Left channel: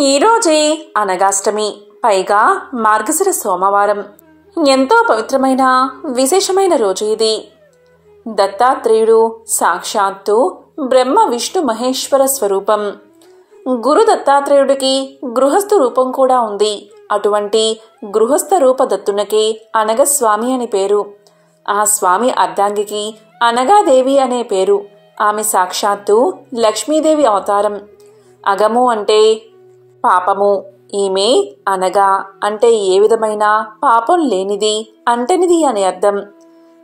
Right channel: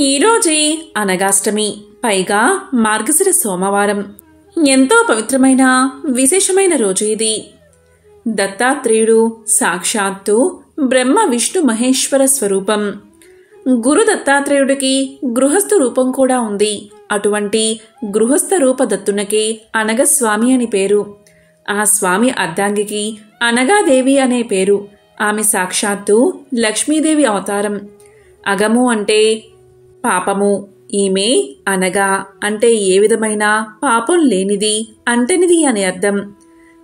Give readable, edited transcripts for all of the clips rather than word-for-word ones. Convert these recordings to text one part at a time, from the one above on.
ఈరోజే అనగాష్టమి, పైగా మార్గశిర సోమవారం. ఎంతో పవిత్రమైన విశేషమైన రోజు ఇది. దత్తాత్రేయుడు సాక్షాత్తు బ్రహ్మ విష్ణు మహేశ్వర స్వరూపం. గురు దత్తాత్రేయుడికి గృహస్థ రూపం కూడా ఉంది. అటువంటి గృహస్థ రూప దత్తునకే అనగస్వామి అని పేరు. ఆ స్వామి అర్ధాంగికి అనగాదేవి అనే పేరు. ఆమె సాక్షాత్తు లక్ష్మీదేవి అవతారం. అగము అంటే పాపము. ఈమె అనగా అంటే ఏ విధమైన పాపం లేనిది, అంటనిది అని అర్థం.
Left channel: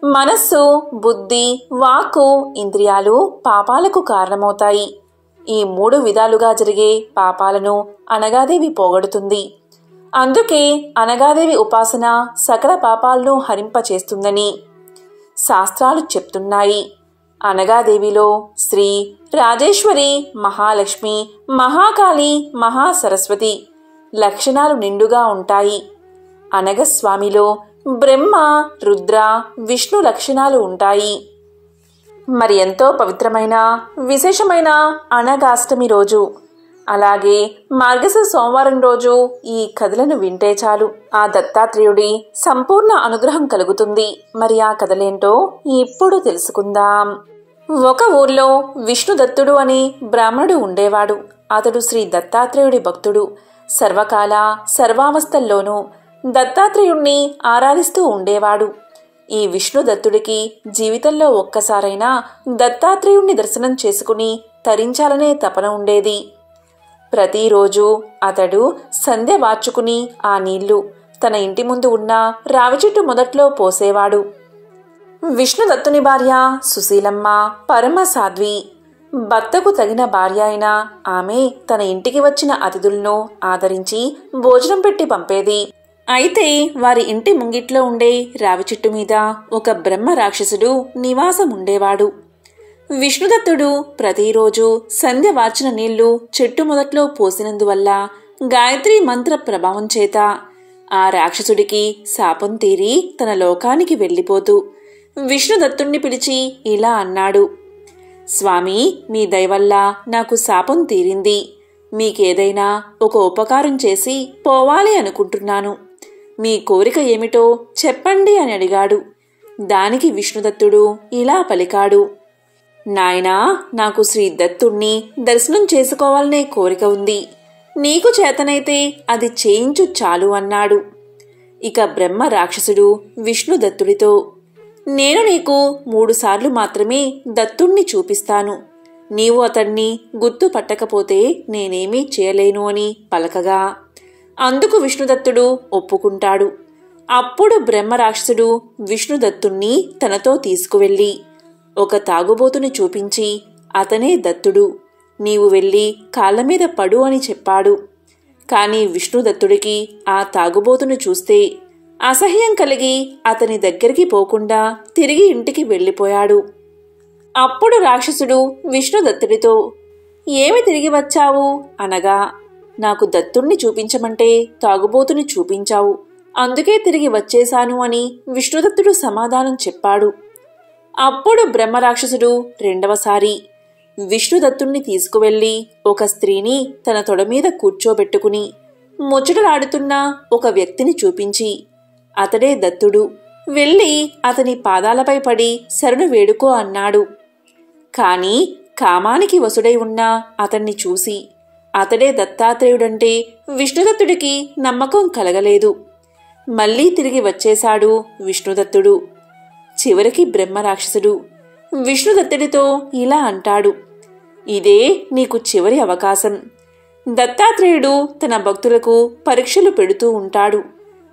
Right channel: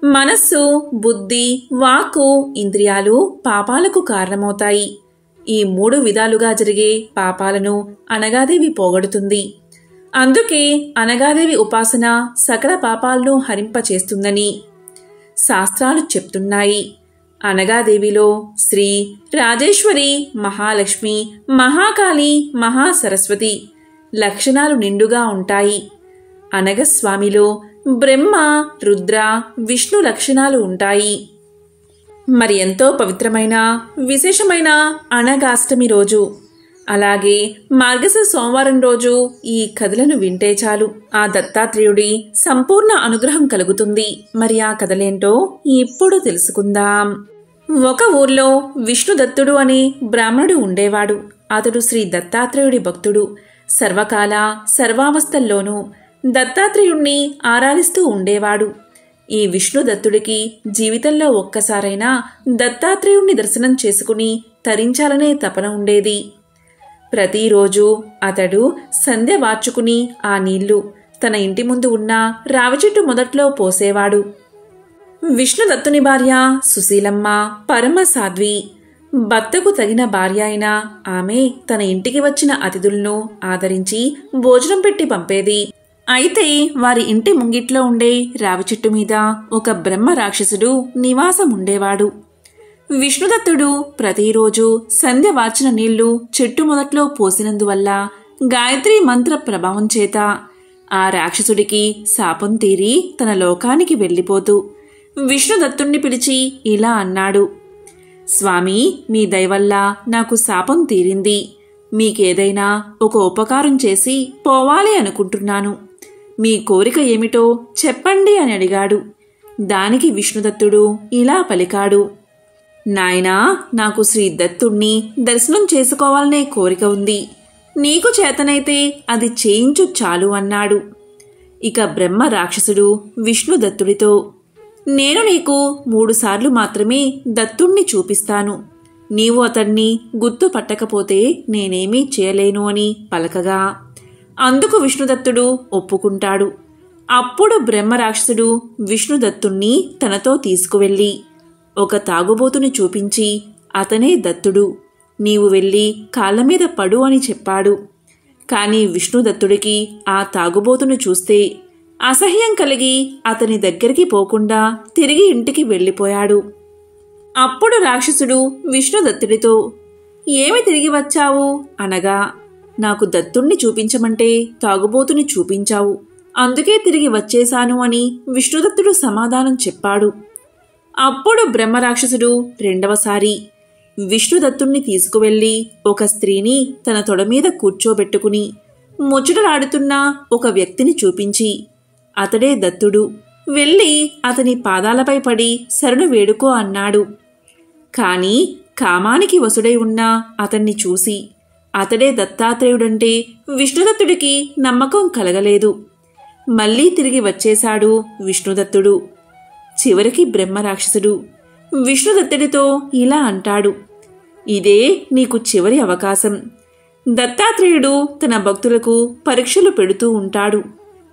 మనస్సు, బుద్ధి, వాక్కు, ఇంద్రియాలు పాపాలకు కారణమవుతాయి. ఈ 3 విధాలుగా జరిగే పాపాలను అనగాదేవి పోగొడుతుంది. అందుకే అనగాదేవి ఉపాసన సకల పాపాలను హరింపచేస్తుందని శాస్త్రాలు చెప్తున్నాయి. అనగాదేవిలో శ్రీ రాజేశ్వరి, మహాలక్ష్మి, మహాకాళి, మహాసరస్వతి లక్షణాలు నిండుగా ఉంటాయి. అనగస్వామిలో బ్రహ్మ, రుద్ర, విష్ణు లక్షణాలు ఉంటాయి. మరి ఎంతో పవిత్రమైన విశేషమైన అనగాష్టమి రోజు, అలాగే మార్గశిర సోమవారం రోజు ఈ కథలను వింటే చాలు ఆ దత్తాత్రేయుడి సంపూర్ణ అనుగ్రహం కలుగుతుంది. మరి ఆ కథలేంటో ఇప్పుడు తెలుసుకుందాం. ఒక ఊర్లో విష్ణుదత్తుడు అనే బ్రాహ్మణుడు ఉండేవాడు. అతడు శ్రీ దత్తాత్రేయుడి భక్తుడు. సర్వకాల సర్వావస్థల్లోనూ దత్తాత్రేయుణ్ణి ఆరాధిస్తూ ఉండేవాడు. ఈ విష్ణుదత్తుడికి జీవితంలో ఒక్కసారైనా దత్తాత్రేయుణ్ణి దర్శనం చేసుకుని తరించాలనే తపన ఉండేది. ప్రతిరోజు అతడు సంధ్య వార్చుకుని ఆ నీళ్లు తన ఇంటి ముందు ఉన్న రావి చెట్టు మొదట్లో పోసేవాడు. విష్ణుదత్తుని భార్య సుశీలమ్మ పరమ సాధ్వి. భర్తకు తగిన భార్య అయిన ఆమె తన ఇంటికి వచ్చిన అతిథులను ఆదరించి భోజనం పెట్టి పంపేది. అయితే వారి ఇంటి ముంగిట్లో ఉండే రావి చెట్టు మీద ఒక బ్రహ్మ రాక్షసుడు నివాసం ఉండేవాడు. విష్ణుదత్తుడు ప్రతిరోజు సంధ్య వార్చిన నీళ్లు చెట్టు మొదట్లో పోసినందువల్ల గాయత్రి మంత్ర ప్రభావం చేత ఆ రాక్షసుడికి శాపం తీరి తన లోకానికి వెళ్ళిపోతూ విష్ణుదత్తుణ్ణి పిలిచి ఇలా అన్నాడు: స్వామి, మీ దయవల్ల నాకు శాపం తీరింది. మీకేదైనా ఒక ఉపకారం చేసి పోవాలి అనుకుంటున్నాను. మీ కోరిక ఏమిటో చెప్పండి అని అడిగాడు. దానికి విష్ణుదత్తుడు ఇలా పలికాడు: నాయనా, నాకు శ్రీ దత్తుణ్ణి దర్శనం చేసుకోవాలనే కోరిక ఉంది. నీకు చేతనైతే అది చేయించు చాలు అన్నాడు. ఇక బ్రహ్మ రాక్షసుడు విష్ణుదత్తుడితో, నేను నీకు 3 సార్లు మాత్రమే దత్తుణ్ణి చూపిస్తాను. నీవు అతన్ని గుర్తుపట్టకపోతే నేనేమీ చేయలేను అని పలకగా అందుకు విష్ణుదత్తుడు ఒప్పుకుంటాడు. అప్పుడు బ్రహ్మరాక్షసుడు విష్ణుదత్తుణ్ణి తనతో తీసుకువెళ్ళి ఒక తాగుబోతుని చూపించి, అతనే దత్తుడు, నీవు వెళ్ళి కాళ్లమీద పడు అని చెప్పాడు. కాని విష్ణుదత్తుడికి ఆ తాగుబోతుని చూస్తే అసహ్యం కలిగి అతని దగ్గరికి పోకుండా తిరిగి ఇంటికి వెళ్ళిపోయాడు. అప్పుడు రాక్షసుడు విష్ణుదత్తుడితో, ఏమి తిరిగి వచ్చావు అనగా, నాకు దత్తుణ్ణి చూపించమంటే తాగుబోతుని చూపించావు, అందుకే తిరిగి వచ్చేశాను అని విష్ణుదత్తుడు సమాధానం చెప్పాడు. అప్పుడు బ్రహ్మరాక్షసుడు రెండవసారి విష్ణుదత్తుణ్ణి తీసుకువెళ్లి ఒక స్త్రీని తన తొడ మీద కూర్చోబెట్టుకుని ముచ్చటలాడుతున్న ఒక వ్యక్తిని చూపించి, అతడే దత్తుడు, వెళ్ళి అతని పాదాలపై పడి శరణు వేడుకో అన్నాడు. కాని కామానికి వసుడై ఉన్న అతన్ని చూసి అతడే దత్తాత్రేయుడంటే విష్ణుదత్తుడికి నమ్మకం కలగలేదు. మళ్లీ తిరిగి వచ్చేశాడు విష్ణుదత్తుడు. చివరికి బ్రహ్మరాక్షసుడు విష్ణుదత్తుడితో ఇలా అంటాడు: ఇదే నీకు చివరి అవకాశం. దత్తాత్రేయుడు తన భక్తులకు పరీక్షలు పెడుతూ ఉంటాడు.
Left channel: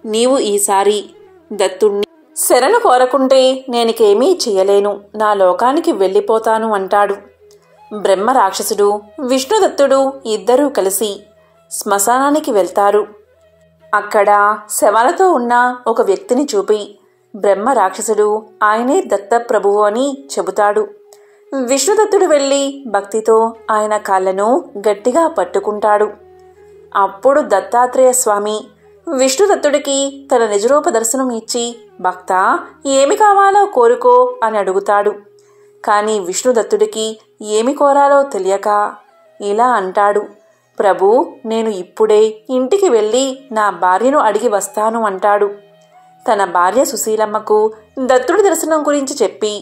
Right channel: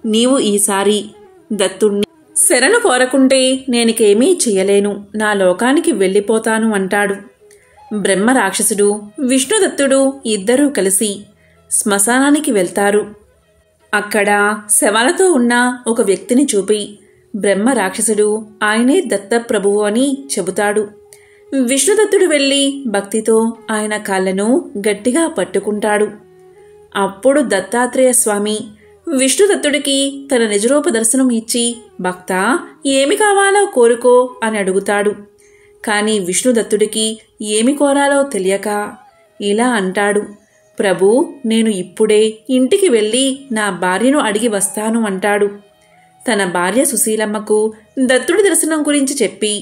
నీవు ఈసారి దత్తుణ్ణి శరణు కోరకుంటే నేనికేమీ చెయ్యలేను, నా లోకానికి వెళ్ళిపోతాను అంటాడు. బ్రహ్మరాక్షసుడు విష్ణుదత్తుడు ఇద్దరూ కలిసి శ్మశానానికి వెళ్తారు. అక్కడ శవాలతో ఉన్న ఒక వ్యక్తిని చూపి బ్రహ్మరాక్షసుడు ఆయనే దత్తప్రభువు అని చెబుతాడు. విష్ణుదత్తుడు వెళ్ళి భక్తితో ఆయన కాళ్లను గట్టిగా పట్టుకుంటాడు. అప్పుడు దత్తాత్రేయ స్వామి విష్ణుదత్తుడికి తన నిజరూప దర్శనం ఇచ్చి, భక్తా, ఏమి కావాలో కోరుకో అని అడుగుతాడు. కాని విష్ణుదత్తుడికి ఏమి కోరాలో తెలియక ఇలా అంటాడు: ప్రభు, నేను ఇప్పుడే ఇంటికి వెళ్ళి నా భార్యను అడిగి వస్తాను అంటాడు. తన భార్య సుశీలమ్మకు దత్తుడి దర్శనం గురించి చెప్పి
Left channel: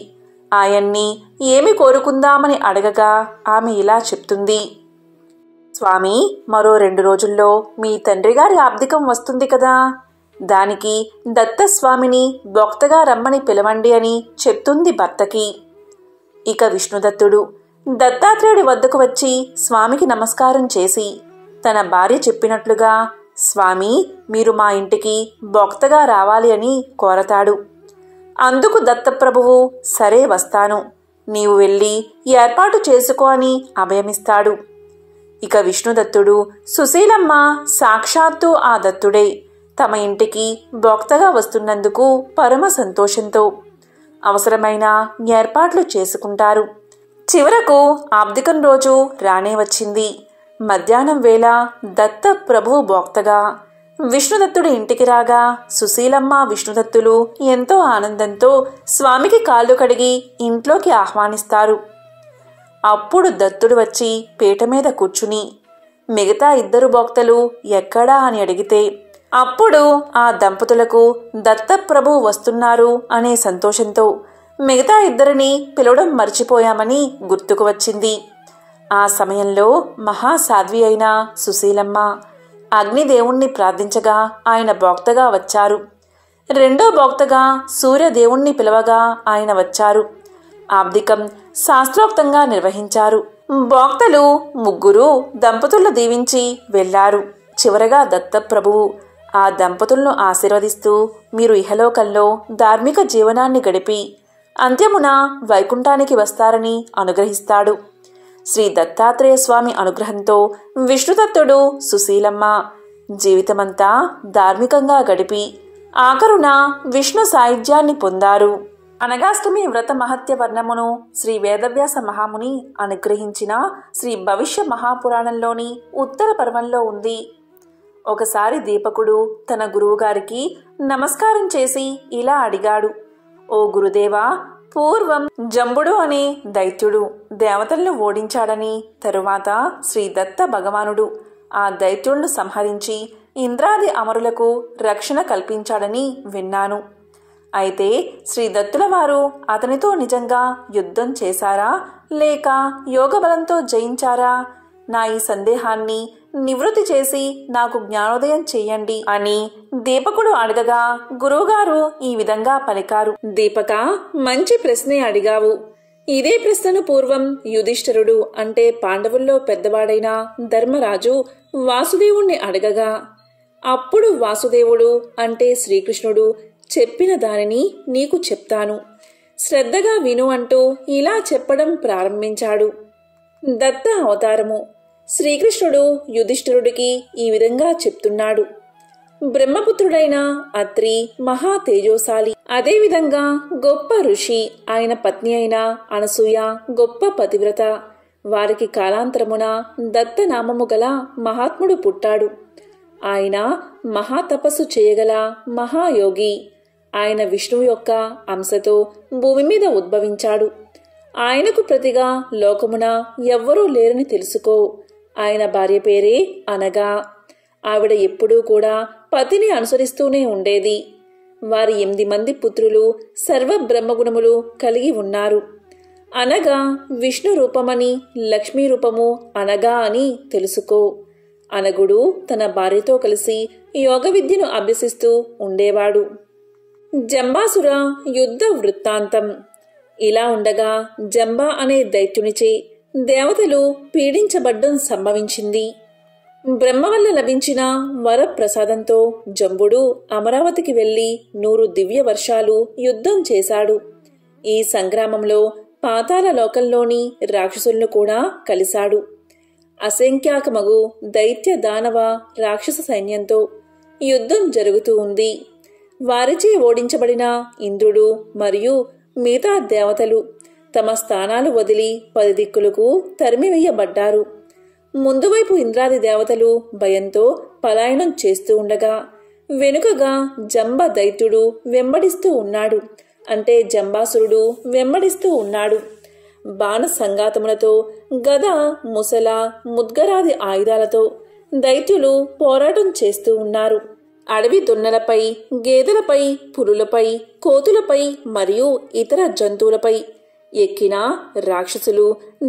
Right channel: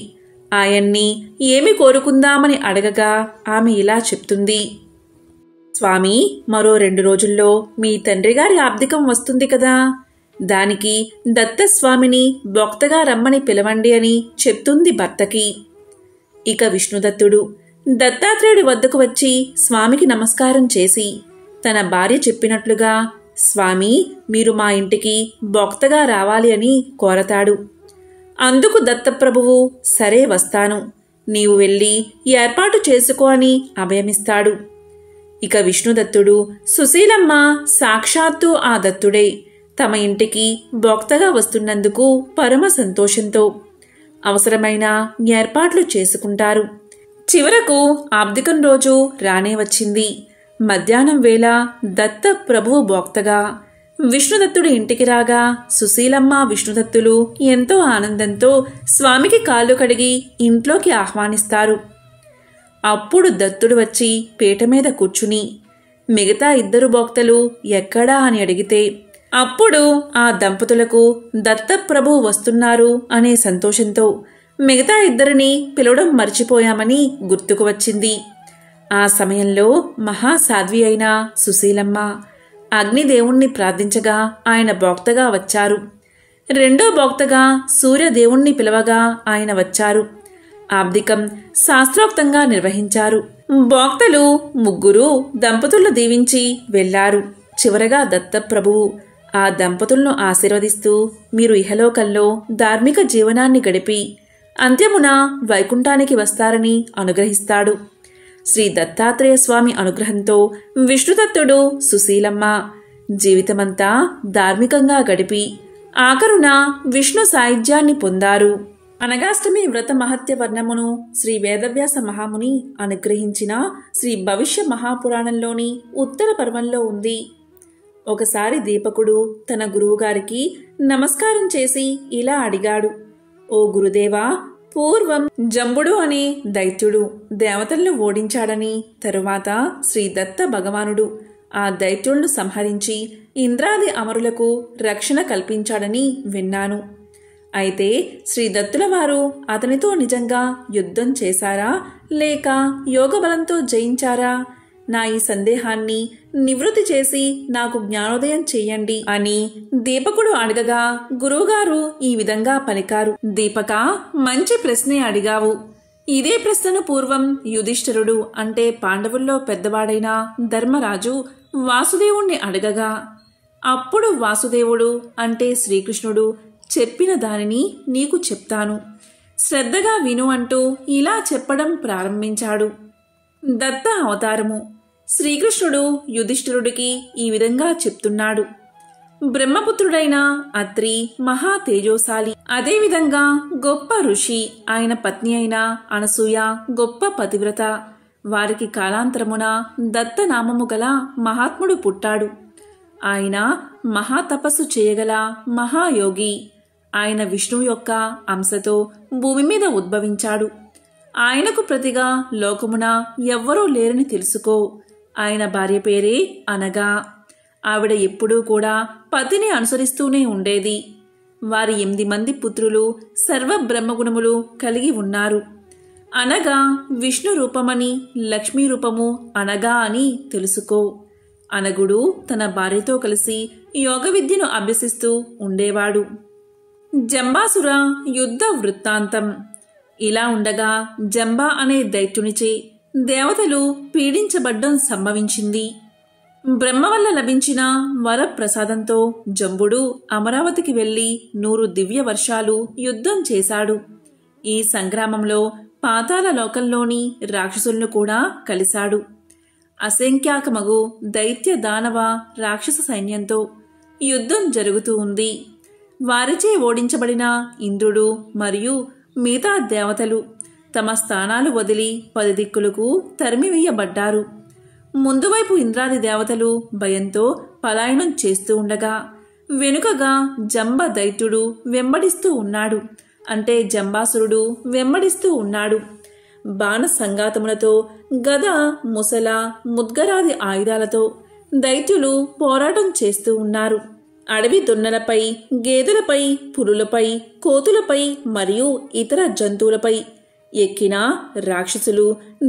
ఆయన్ని ఏమి కోరుకుందామని అడగగా ఆమె ఇలా చెప్తుంది. స్వామి, మరో 2 రోజుల్లో మీ తండ్రిగారి ఆబ్దికం వస్తుంది కదా, దానికి దత్తస్వామిని భక్తగా రమ్మని పిలవండి అని చెప్తుంది భర్తకి. ఇక విష్ణుదత్తుడు దత్తాత్రేయుడి వద్దకు వచ్చి స్వామికి నమస్కారం చేసి తన భార్య చెప్పినట్లుగా స్వామి, మీరు మా ఇంటికి భక్తగా రావాలి అని కోరతాడు. అందుకు దత్తప్రభువు సరే వస్తాను, నీవు వెళ్ళి ఏర్పాటు చేసుకో అని అభయమిస్తాడు. ఇక విష్ణుదత్తుడు సుశీలమ్మ సాక్షాత్తు ఆ దత్తుడే తమ ఇంటికి భక్తగా వస్తున్నందుకు పరమ సంతోషంతో అవసరమైన ఏర్పాట్లు చేసుకుంటారు. చివరకు ఆబ్దికం రోజు రానే వచ్చింది. మధ్యాహ్నం వేళ దత్త ప్రభువు భక్తగా విష్ణుదత్తుడు ఇంటికి రాగా సుశీలమ్మ విష్ణుదత్తులు ఎంతో ఆనందంతో స్వామికి కాళ్ళు కడిగి ఇంట్లోకి ఆహ్వానిస్తారు. అప్పుడు దత్తుడు వచ్చి పీట మీద కూర్చుని మిగతా 2 భక్తలు ఎక్కడా అని అడిగితే అప్పుడు ఆ దంపతులకు దత్తప్రభువు వస్తున్నారు అనే సంతోషంతో మిగతా 2 పిలవడం మర్చిపోయామని గుర్తుకు వచ్చింది. ఆ సమయంలో మహాసాధ్వి అయిన సుశీలమ్మ అగ్నిదేవుణ్ణి ప్రార్థించగా ఆయన భక్తగా వచ్చారు. 2వ భక్తగా సూర్యదేవుణ్ణి పిలవగా ఆయన వచ్చారు. ఆబ్దికం శాస్త్రోక్తంగా నిర్వహించారు. భక్తులు 3 దంపతులను దీవించి వెళ్లారు. చివరగా దత్తప్రభువు ఆ దంపతులను ఆశీర్వదిస్తూ మీరు ఇహలోకంలో ధార్మిక జీవనాన్ని గడిపి అంత్యమున వైకుంఠానికి వస్తారని అనుగ్రహిస్తాడు. శ్రీ దత్తాత్రేయ స్వామి అనుగ్రహంతో విష్ణుదత్తుడు సుశీలమ్మ జీవితమంతా ధార్మికంగా గడిపి ఆఖరున విష్ణు సాయుధ్యాన్ని పొందారు. అనగాష్టమి వ్రత మహత్య వర్ణమును శ్రీ వేదవ్యాస మహాముని అనుగ్రహించిన శ్రీ భవిష్య మహాపురాణంలోని ఉత్తర పర్వంలో ఉంది. ఒకసారి దీపకుడు తన గురువుగారికి నమస్కారం చేసి ఇలా అడిగాడు. ఓ గురుదేవా, పూర్వం జంబుడు అనే దైత్యుడు దేవతలను ఓడించాడని, తరువాత శ్రీ దత్త భగవానుడు ఆ దైత్యులను సంహరించి ఇంద్రాది అమరులకు రక్షణ కల్పించాడని విన్నాను. అయితే శ్రీ దత్తుల వారు అతనితో నిజంగా యుద్ధం చేశారా లేక యోగబలంతో జయించారా? నా ఈ సందేహాన్ని నివృత్తి చేసి నాకు జ్ఞానోదయం చెయ్యండి అని దీపకుడు అడగగా గురువుగారు ఈ విధంగా పలికారు. దీపక, మంచి ప్రశ్నే అడిగావు. ఇదే ప్రశ్నను పూర్వం యుధిష్ఠిరుడు అంటే పాండవుల్లో పెద్దవాడైన ధర్మరాజు వాసుదేవుణ్ణి అడగగా అప్పుడు వాసుదేవుడు అంటే శ్రీకృష్ణుడు చెప్పిన దానిని నీకు చెప్తాను, శ్రద్ధగా విను అంటూ ఇలా చెప్పడం ప్రారంభించాడు. దత్త అవతారము. శ్రీకృష్ణుడు యుధిష్ఠిరుడికి ఈ విధంగా చెప్తున్నాడు. బ్రహ్మపుత్రుడైన అత్రి మహా తేజోశాలి, అదేవిధంగా గొప్ప ఋషి. ఆయన పత్ని అయిన అనసూయ గొప్ప పతివ్రత. వారికి కాలాంతరమున దత్తనామము గల మహాత్ముడు పుట్టాడు. ఆయన మహాతపస్సు చేయగల మహాయోగి. ఆయన విష్ణువు యొక్క అంశతో భూమి మీద ఉద్భవించాడు. ఆయనకు ప్రతిగా లోకమున ఎవ్వరూ లేరని తెలుసుకో. ఆయన భార్య పేరే అనగా. ఆవిడ ఎప్పుడూ కూడా పతిని అనుసరిస్తూనే ఉండేది. వారి 8 మంది పుత్రులు సర్వ బ్రహ్మగుణములు కలిగి ఉన్నారు. అనగా విష్ణు రూపమని, లక్ష్మీ రూపము అనగా అని తెలుసుకో. అనగుడు తన భార్యతో కలిసి యోగ విద్యను అభ్యసిస్తూ ఉండేవాడు. జంబాసుర యుద్ధ వృత్తాంతం. ఇలా ఉండగా జంబా అనే దైత్యునిచే దేవతలు పీడించబడ్డం సంభవించింది. బ్రహ్మ వల్ల లభించిన వరప్రసాదంతో జంబుడు అమరావతికి వెళ్లి 100 దివ్య వర్షాలు యుద్ధం చేశాడు. ఈ సంగ్రామంలో పాతాళ లోకంలోని రాక్షసులను కూడా కలిశాడు. అసంఖ్యాకమగు దైత్య దానవ రాక్షస సైన్యంతో యుద్ధం జరుగుతూ ఉంది. వారిచే ఓడించబడిన ఇంద్రుడు మరియు మిగతా దేవతలు తమ స్థానాలు వదిలి 10 దిక్కులకు తరిమివేయబడ్డారు. ముందువైపు ఇంద్రాది దేవతలు భయంతో పలాయనం చేస్తూ ఉండగా వెనుకగా జంబ దైత్యుడు వెంబడిస్తూ ఉన్నాడు. అంటే జంబాసురుడు వెంబడిస్తూ ఉన్నాడు. బాణ సంగాతములతో, గద, ముసల, ముద్గరాది ఆయుధాలతో దైత్యులు పోరాటం చేస్తూ ఉన్నారు. అడవి దున్నలపై, గేదెలపై, పులులపై, కోతులపై మరియు ఇతర జంతువులపై ఎక్కిన రాక్షసులు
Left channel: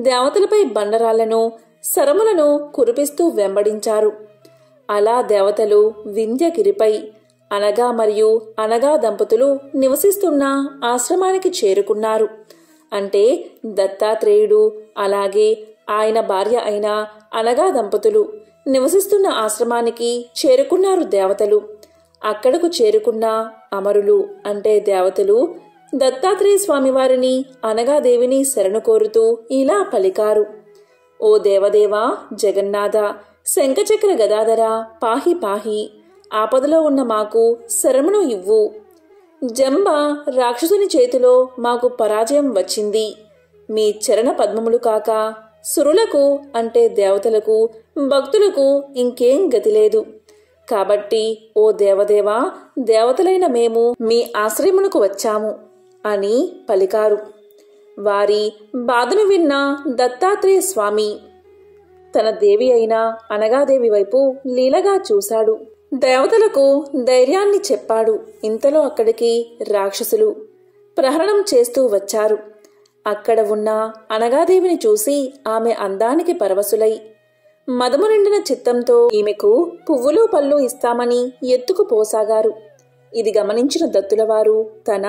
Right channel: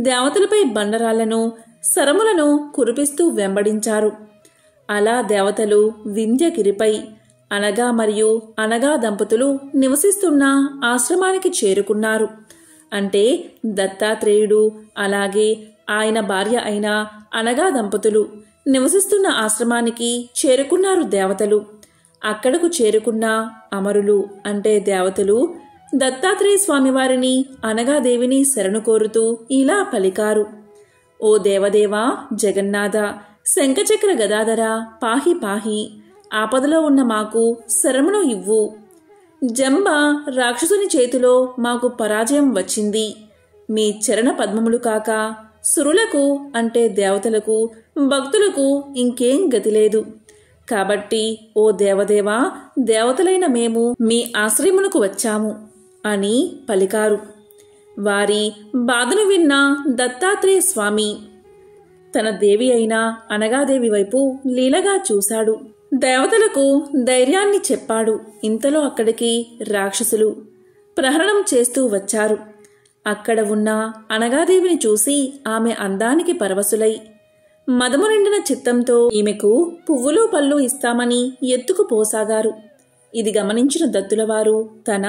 దేవతలపై బండరాళ్లను, శరములను కురిపిస్తూ వెంబడించారు. అలా దేవతలు వింధ్యగిరిపై అనగా మరియు అనగా దంపతులు నివసిస్తున్న ఆశ్రమానికి చేరుకున్నారు. అంటే దత్తాత్రేయుడు అలాగే ఆయన భార్య అయిన అనగా దంపతులు నివసిస్తున్న ఆశ్రమానికి చేరుకున్నారు దేవతలు. అక్కడకు చేరుకున్న అమరులు అంటే దేవతలు దత్తాత్రేయ స్వామివారిని అనగాదేవిని శరణు కోరుతూ ఇలా పలికారు: ఓ దేవదేవా, జగన్నాథ, శంఖచక్ర గదాధర, పాహి పాహి, ఆపదలో ఉన్న మాకు శరమును ఇవ్వు. జంబ రాక్షసుని చేతిలో మాకు పరాజయం వచ్చింది. మీ చరణ పద్మములు కాక సురులకు అంటే దేవతలకు, భక్తులకు ఇంకేం గతి లేదు. కాబట్టి ఓ దేవదేవా, దేవతలైన మేము మీ ఆశ్రయమునకు వచ్చాము అని పలికారు. వారి బాధను విన్న దత్తాత్రేయ స్వామి తన దేవి అయిన అనగాదేవి వైపు లీలగా చూశాడు. దేవతలకు ధైర్యాన్ని చెప్పాడు. ఇంతలో అక్కడికి రాక్షసులు ప్రహరణం చేస్తూ వచ్చారు. అక్కడ ఉన్న అనగాదేవిని చూసి ఆమె అందానికి పరవశులై మదము నిండిన చిత్తంతో ఈమెకు పువ్వులు పళ్ళు ఇస్తామని ఎత్తుకుపోసాగారు. ఇది గమనించిన దత్తులవారు తన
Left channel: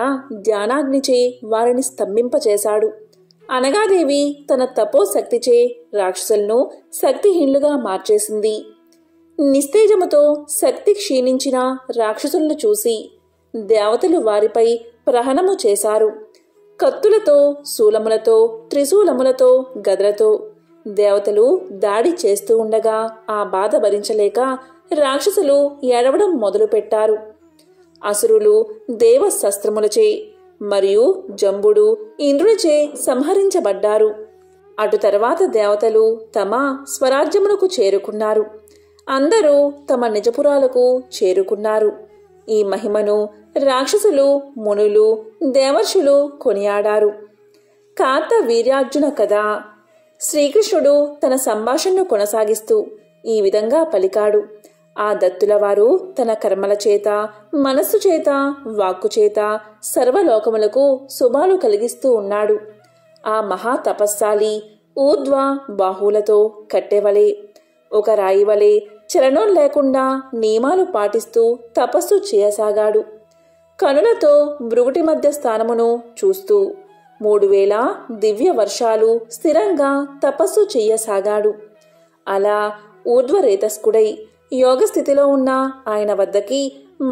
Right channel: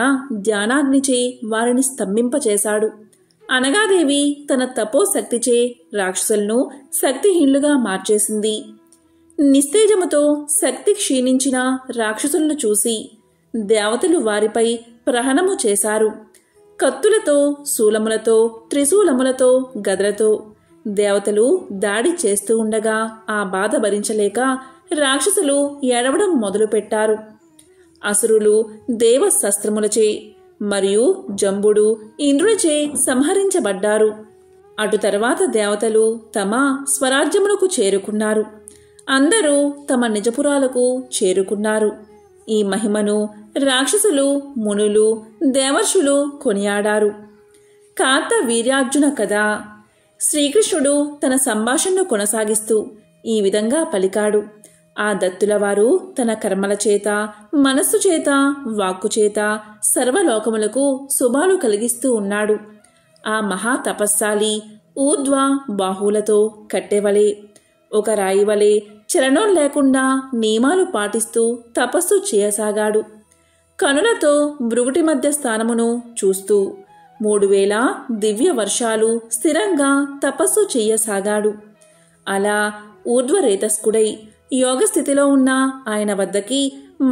ధ్యానాగ్నిచే వారిని స్తంభింపచేశాడు. అనగాదేవి తన తపోశక్తిచే రాక్షసులను శక్తిహీనులుగా మార్చేసింది. నిస్తేజముతో శక్తి క్షీణించిన రాక్షసులను చూసి దేవతలు వారిపై ప్రహణము చేశారు. కత్తులతో, శూలములతో, త్రిశూలములతో, గదలతో దేవతలు దాడి చేస్తూ ఉండగా ఆ బాధ భరించలేక రాక్షసులు ఏడవడం మొదలుపెట్టారు. అసురులు దేవ శస్త్రములచే మరియు జంబుడు ఇంద్రునిచే సంహరించబడ్డారు. అటు తర్వాత దేవతలు తమ స్వరాజ్యములకు చేరుకున్నారు. అందరూ తమ నిజపురాలకు చేరుకున్నారు. ఈ మహిమను రాక్షసులు, మునులు, దేవర్షులు కొనియాడారు. కార్తవీర్యార్జున కథ. శ్రీకృష్ణుడు తన సంభాషణను కొనసాగిస్తూ ఈ విధంగా పలికాడు: ఆ దత్తులవారు తన కర్మల చేత, మనస్సు చేత, వాక్కు చేత సర్వలోకములకు శుభాలు కలిగిస్తూ ఉన్నాడు. ఆ మహా తపస్సాలి ఊర్ధ్వ బాహువులతో కట్టెవలే, ఒక రాయివలే చలనం లేకుండా నియమాలు పాటిస్తూ తపస్సు చేయసాగాడు. కనులతో భృగుటి మధ్య స్థానమును చూస్తూ 3000 దివ్య వర్షాలు స్థిరంగా తపస్సు చెయ్యసాగాడు. అలా ఊర్ధ్వరేతస్కుడై యోగస్థితిలో ఉన్న ఆయన వద్దకి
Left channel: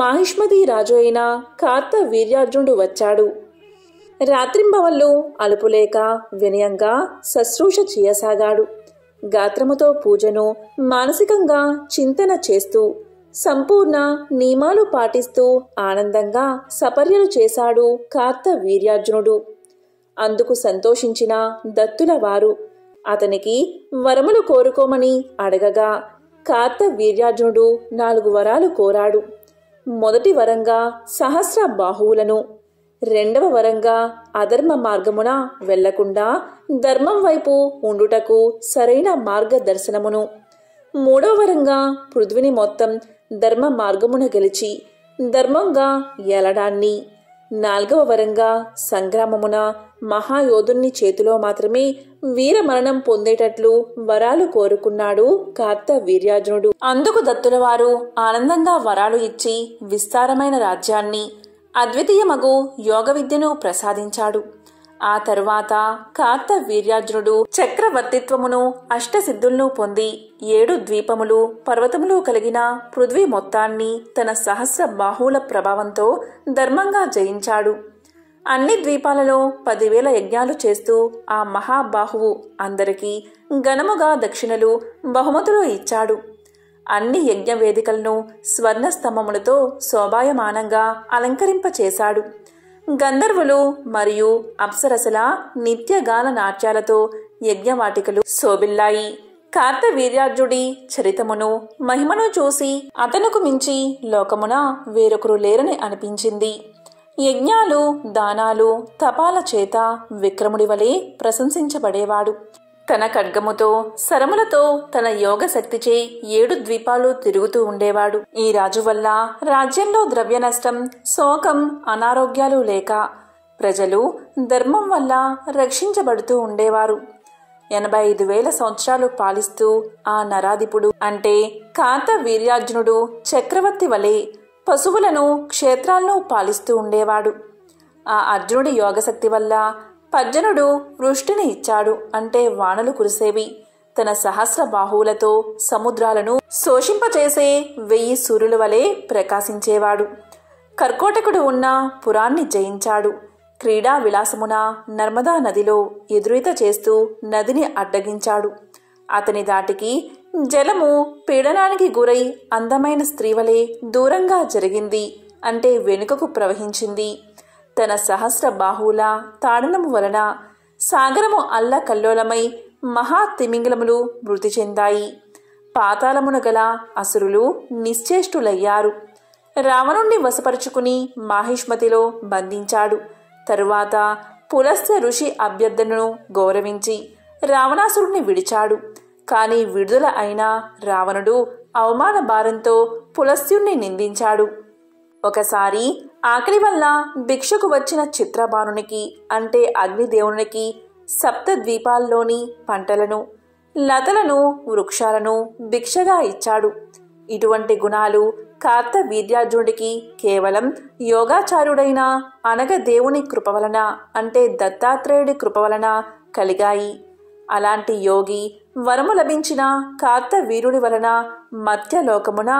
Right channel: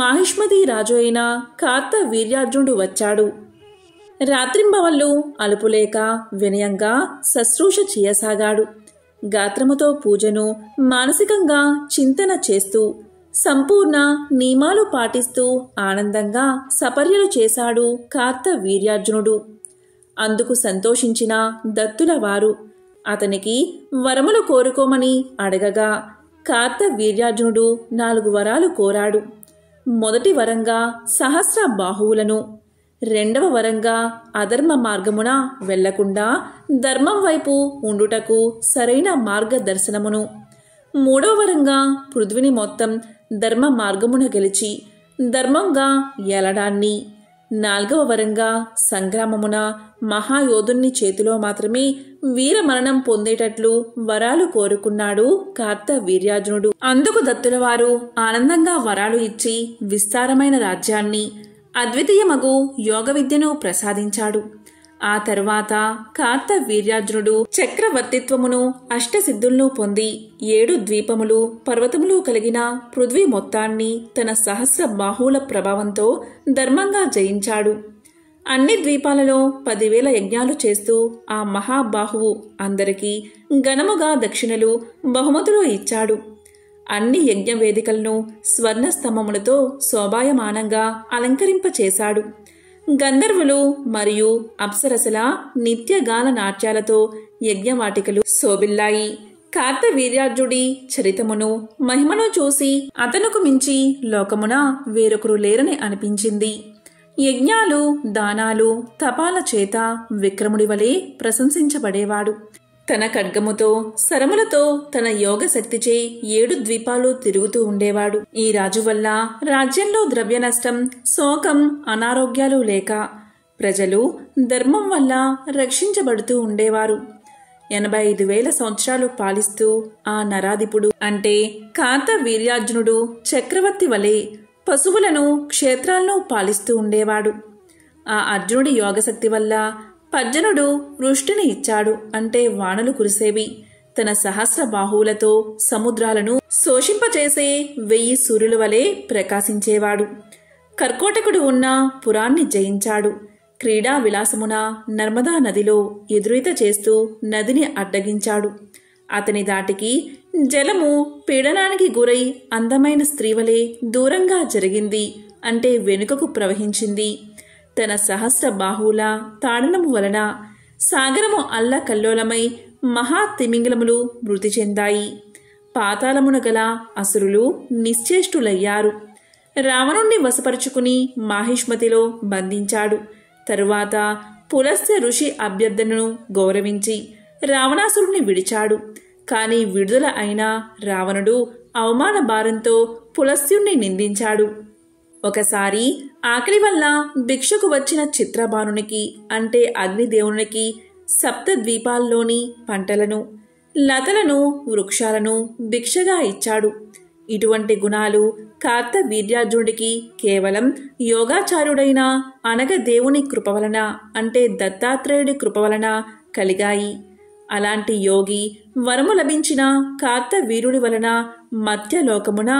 మాహిష్మతి రాజు అయిన కార్తవీర్యార్జునుడు వచ్చాడు. రాత్రింబవళ్ళు అలుపులేక వినయంగా శుశ్రూష చేయసాగాడు. గాత్రముతో పూజను మానసికంగా చింతన చేస్తూ సంపూర్ణ నియమాలు పాటిస్తూ ఆనందంగా సపర్యలు చేశాడు కార్తవీర్యార్జునుడు. అందుకు సంతోషించిన దత్తుల వారు అతనికి వరములు కోరుకోమని అడగగా కార్తవీర్యార్జునుడు 4 వరాలు కోరాడు. మొదటి వరంగా సహస్ర బాహువులను, రెండవ వరంగా అధర్మ మార్గమున వెళ్లకుండా ధర్మం వైపు ఉండుటకు సరైన మార్గదర్శనమును, మూడవ వరంగా పృథ్విని మొత్తం ధర్మ మార్గమున గెలిచి ధర్మంగా ఏలడాన్ని, నాల్గవ వరంగా సంగ్రామమున మహాయోధుని చేతిలో మాత్రమే వీరమరణం పొందేటట్లు వరాలు కోరుకున్నాడు కార్తవీర్యార్జునుడు. అందుకు దత్తులవారు ఆనందంగా వరాలు ఇచ్చి విస్తారమైన రాజ్యాన్ని, అద్వితీయమగు యోగ విద్యను ప్రసాదించాడు. ఆ తరువాత కార్తవీర్యార్జునుడు చక్రవర్తిత్వమును, అష్టసిద్ధులను పొంది 7 ద్వీపములు, పర్వతములు కలిగిన పృథ్వీ మొత్తాన్ని తన సహస్ర బాహువుల ప్రభావంతో ధర్మంగా జయించాడు. అన్ని ద్వీపాలలో 10,000 యజ్ఞాలు చేస్తూ ఆ మహాబాహువు అందరికీ ఘనముగా దక్షిణలు, బహుమతులు ఇచ్చాడు. అన్ని యజ్ఞ వేదికలను స్వర్ణ స్తంభములతో శోభాయమానంగా అలంకరింపచేశాడు. గంధర్వులు మరియు అప్సరసల నిత్యగాన నాట్యాలతో యజ్ఞవాటికలు శోభిల్లాయి. కార్తవీర్యార్జుడి చరితమును, మహిమను చూసి అతనుకు మించి లోకమున వేరొకరు లేరని అనిపించింది. యజ్ఞాలు, దానాలు, తపాల చేత విక్రముడి వలె ప్రశంసించబడేవాడు. తన ఖడ్గముతో, శరములతో, తన యోగ శక్తిచే 7 ద్వీపాలు తిరుగుతూ ఉండేవాడు. ఈ రాజు వల్ల రాజ్యంలో ద్రవ్య నష్టం, శోకం, అనారోగ్యాలు లేక ప్రజలు ధర్మం వల్ల రక్షించబడుతూ ఉండేవారు. 85,000 సంవత్సరాలు పాలిస్తూ ఆ నరాధిపుడు అంటే కార్తవీర్యార్జునుడు చక్రవర్తి వలె పశువులను, క్షేత్రాలను పాలిస్తూ ఉండేవాడు. ఆ అర్జునుడి యోగశక్తి వల్ల పర్జనుడు వృష్టిని ఇచ్చాడు అంటే వానలు కురిసేవి. తన సహస్ర బాహువులతో సముద్రాలను శోషింపచేసే 1000 సూర్యుల వలె ప్రకాశించేవాడు. కర్కోటకుడు ఉన్న పురాన్ని జయించాడు. క్రీడా విలాసమున నర్మదా నదిలో ఎదురీత చేస్తూ నదిని అడ్డగించాడు. అతని దాటికి జలము పీడనానికి గురై అందమైన స్త్రీవలే దూరంగా జరిగింది అంటే వెనుకకు ప్రవహించింది. తన సహస్ర బాహువుల తాడనము వలన సాగరము అల్లకల్లోలమై మహాతిమింగలములు మృతి చెందాయి. పాతాళమున గల అసురులు నిశ్చేష్టులయ్యారు. రావణుణ్ణి వశపరుచుకుని మాహిష్మతిలో బంధించాడు. తరువాత పులస్త్య ఋషి అభ్యర్థనను గౌరవించి రావణాసురుణ్ణి విడిచాడు. కాని విడుదల అయిన రావణుడు అవమాన భారంతో పులస్త్యుణ్ణి నిందించాడు. ఒకసారి ఆకలి వల్ల భిక్షకు వచ్చిన చిత్రబాణునికి అంటే అగ్నిదేవునికి సప్తద్వీపాల్లోని పంటలను, లతలను, వృక్షాలను భిక్షగా ఇచ్చాడు. ఇటువంటి గుణాలు కార్తవీర్యార్జునుడికి కేవలం యోగాచార్యుడైన అనగదేవుని కృప వలన అంటే దత్తాత్రేయుడి కృప వలన కలిగాయి. అలాంటి యోగి వరము లభించిన కార్తవీర్యుడి వలన మధ్యలోకమున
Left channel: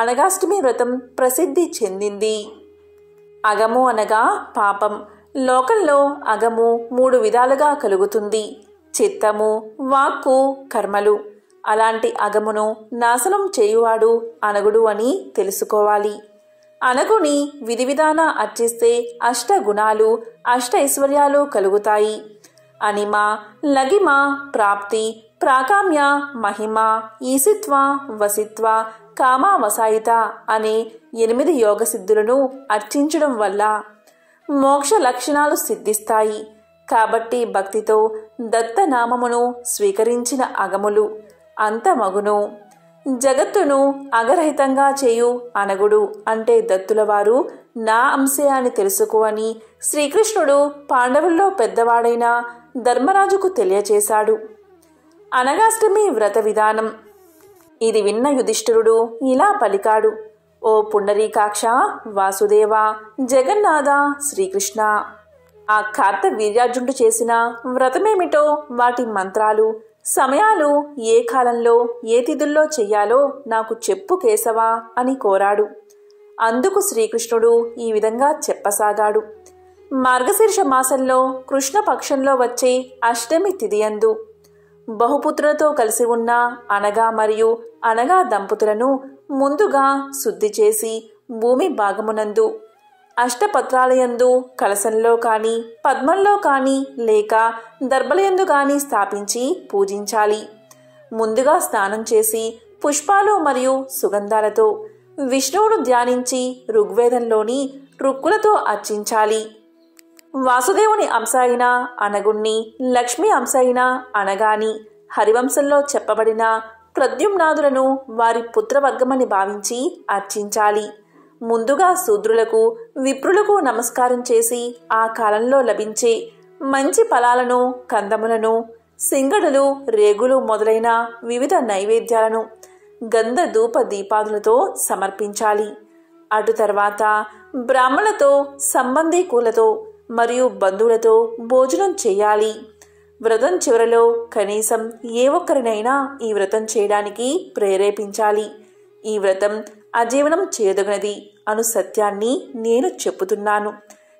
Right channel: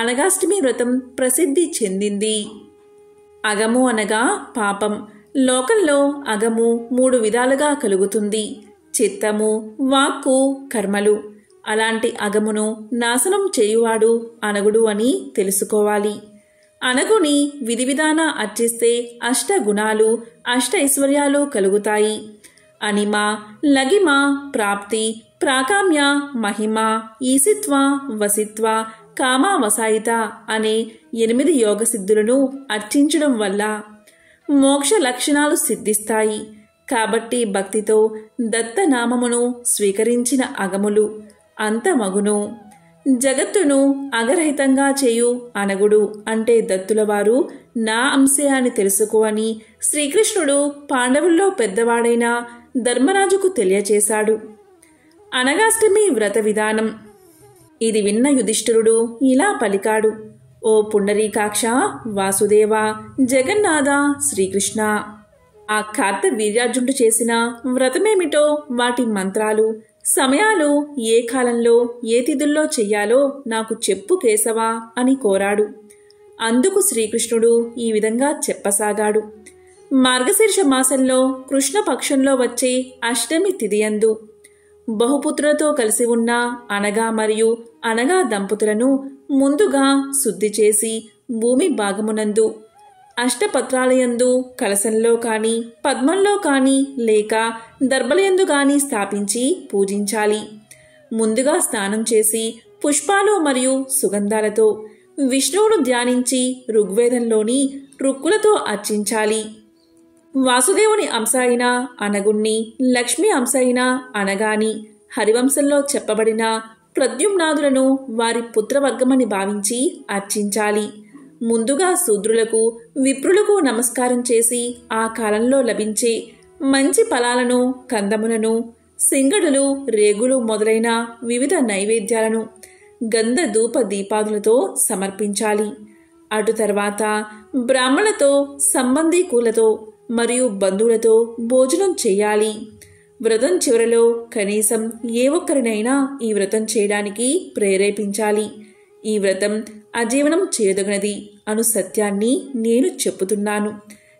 అనగాష్టమి వ్రతం ప్రసిద్ధి చెందింది. అగము అనగా పాపం. లోకంలో అగము 3 విధాలుగా కలుగుతుంది: చిత్తము, వాక్కు, కర్మలు. అలాంటి అగమును నాశనం చేయువాడు అనగుడు అని తెలుసుకోవాలి. అనగుని విధి విధాన అర్చిస్తే 8 గుణాలు, 8 ఐశ్వర్యాలు కలుగుతాయి. అనిమ, లగిమ, ప్రాప్తి, ప్రాకామ్య, మహిమ, ఈసిత్వ, వసిత్వ, కామావసాయిత అనే 8 యోగ సిద్ధులను అర్చించడం వల్ల మోక్ష లక్షణాలు సిద్ధిస్తాయి. కాబట్టి భక్తితో దత్తనామమును స్వీకరించిన అగములు అంతమగును. జగత్తును అగరహితంగా చేయు అనగుడు అంటే దత్తులవారు నా అంశే అని తెలుసుకోవని శ్రీకృష్ణుడు పాండవుల్లో పెద్దవాడైన ధర్మరాజుకు తెలియచేశాడు. అనగాష్టమి వ్రత విధానం. ఇది విన్న యుధిష్ఠిరుడు ఇలా పలికాడు: ఓ పుండరీకాక్ష, వాసుదేవ, జగన్నాథ, శ్రీకృష్ణ, ఆ కార్తవీర్యార్జునుడు చేసిన వ్రతమేమిటో, వాటి మంత్రాలు, సమయాలు, ఏ కాలంలో ఏ తిథుల్లో చెయ్యాలో నాకు చెప్పు కేశవా అని కోరాడు. అందుకు శ్రీకృష్ణుడు ఈ విధంగా చెప్పసాగాడు: మార్గశీర్ష మాసంలో కృష్ణపక్షంలో వచ్చే అష్టమి తిథియందు బహుపుత్రులతో కలిసి ఉన్న అనగా మరియు అనగా దంపతులను ముందుగా శుద్ధి చేసి భూమి భాగమునందు అష్టపత్రాలయందు కలశంలో కాని, పద్మంలో కాని లేక దర్భలయందు గాని స్థాపించి పూజించాలి. ముందుగా స్నానం చేసి పుష్పాలు మరియు సుగంధాలతో విష్ణువును ధ్యానించి ఋగ్వేదంలోని రుక్కులతో అర్చించాలి. వాసుదేవుని అంశ అయిన అనగుణ్ణి, లక్ష్మీ అంశ అయిన అనగాని, హరివంశంలో చెప్పబడిన ప్రద్యుమ్నాదులను వారి పుత్రవర్గమని భావించి అర్చించాలి. ముందుగా శూద్రులకు, విప్రులకు నమస్కారం చేసి ఆ కాలంలో లభించే మంచి ఫలాలను, కందములను, సింగడులు, రేగులు మొదలైన వివిధ నైవేద్యాలను గంధ ధూప దీపాదులతో సమర్పించాలి. అటు తర్వాత బ్రాహ్మణులతో, సంబంధీకులతో మరియు బంధువులతో భోజనం చేయాలి. వ్రతం చివరలో కనీసం ఏ ఒక్కరినైనా ఈ వ్రతం చేయడానికి ప్రేరేపించాలి. ఈ వ్రతం అజీవనం చేయదగినది అను సత్యాన్ని నేను చెప్పుతున్నాను.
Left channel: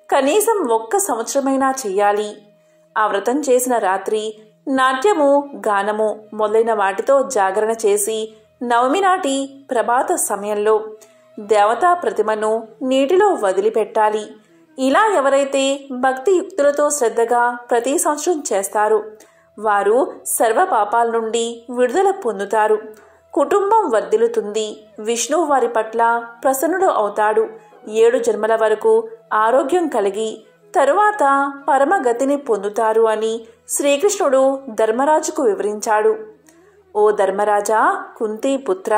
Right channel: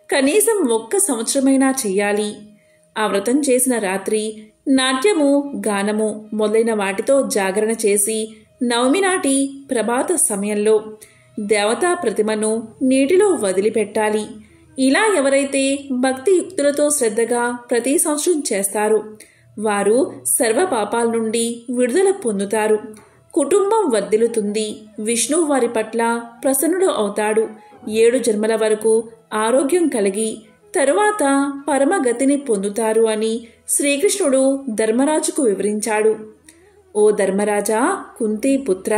కనీసం 1 సంవత్సరమైనా చెయ్యాలి. ఆ వ్రతం చేసిన రాత్రి నాట్యము, గానము మొదలైన వాటితో జాగరణ చేసి నవమి నాటి ప్రభాత సమయంలో దేవతా ప్రతిమను నీటిలో వదిలిపెట్టాలి. ఇలా ఎవరైతే భక్తియుక్తులతో శ్రద్ధగా ప్రతి సంవత్సరం చేస్తారో వారు సర్వ పాపాల నుండి విడుదల పొందుతారు. కుటుంబం వర్ధిల్లుతుంది. విష్ణువు వారి పట్ల ప్రసన్నుడు అవుతాడు. 7 జన్మల వరకు ఆరోగ్యం కలిగి తరువాత పరమగతిని పొందుతారు అని శ్రీకృష్ణుడు ధర్మరాజుకు వివరించాడు. ఓ ధర్మరాజా, కుంతీ పుత్ర,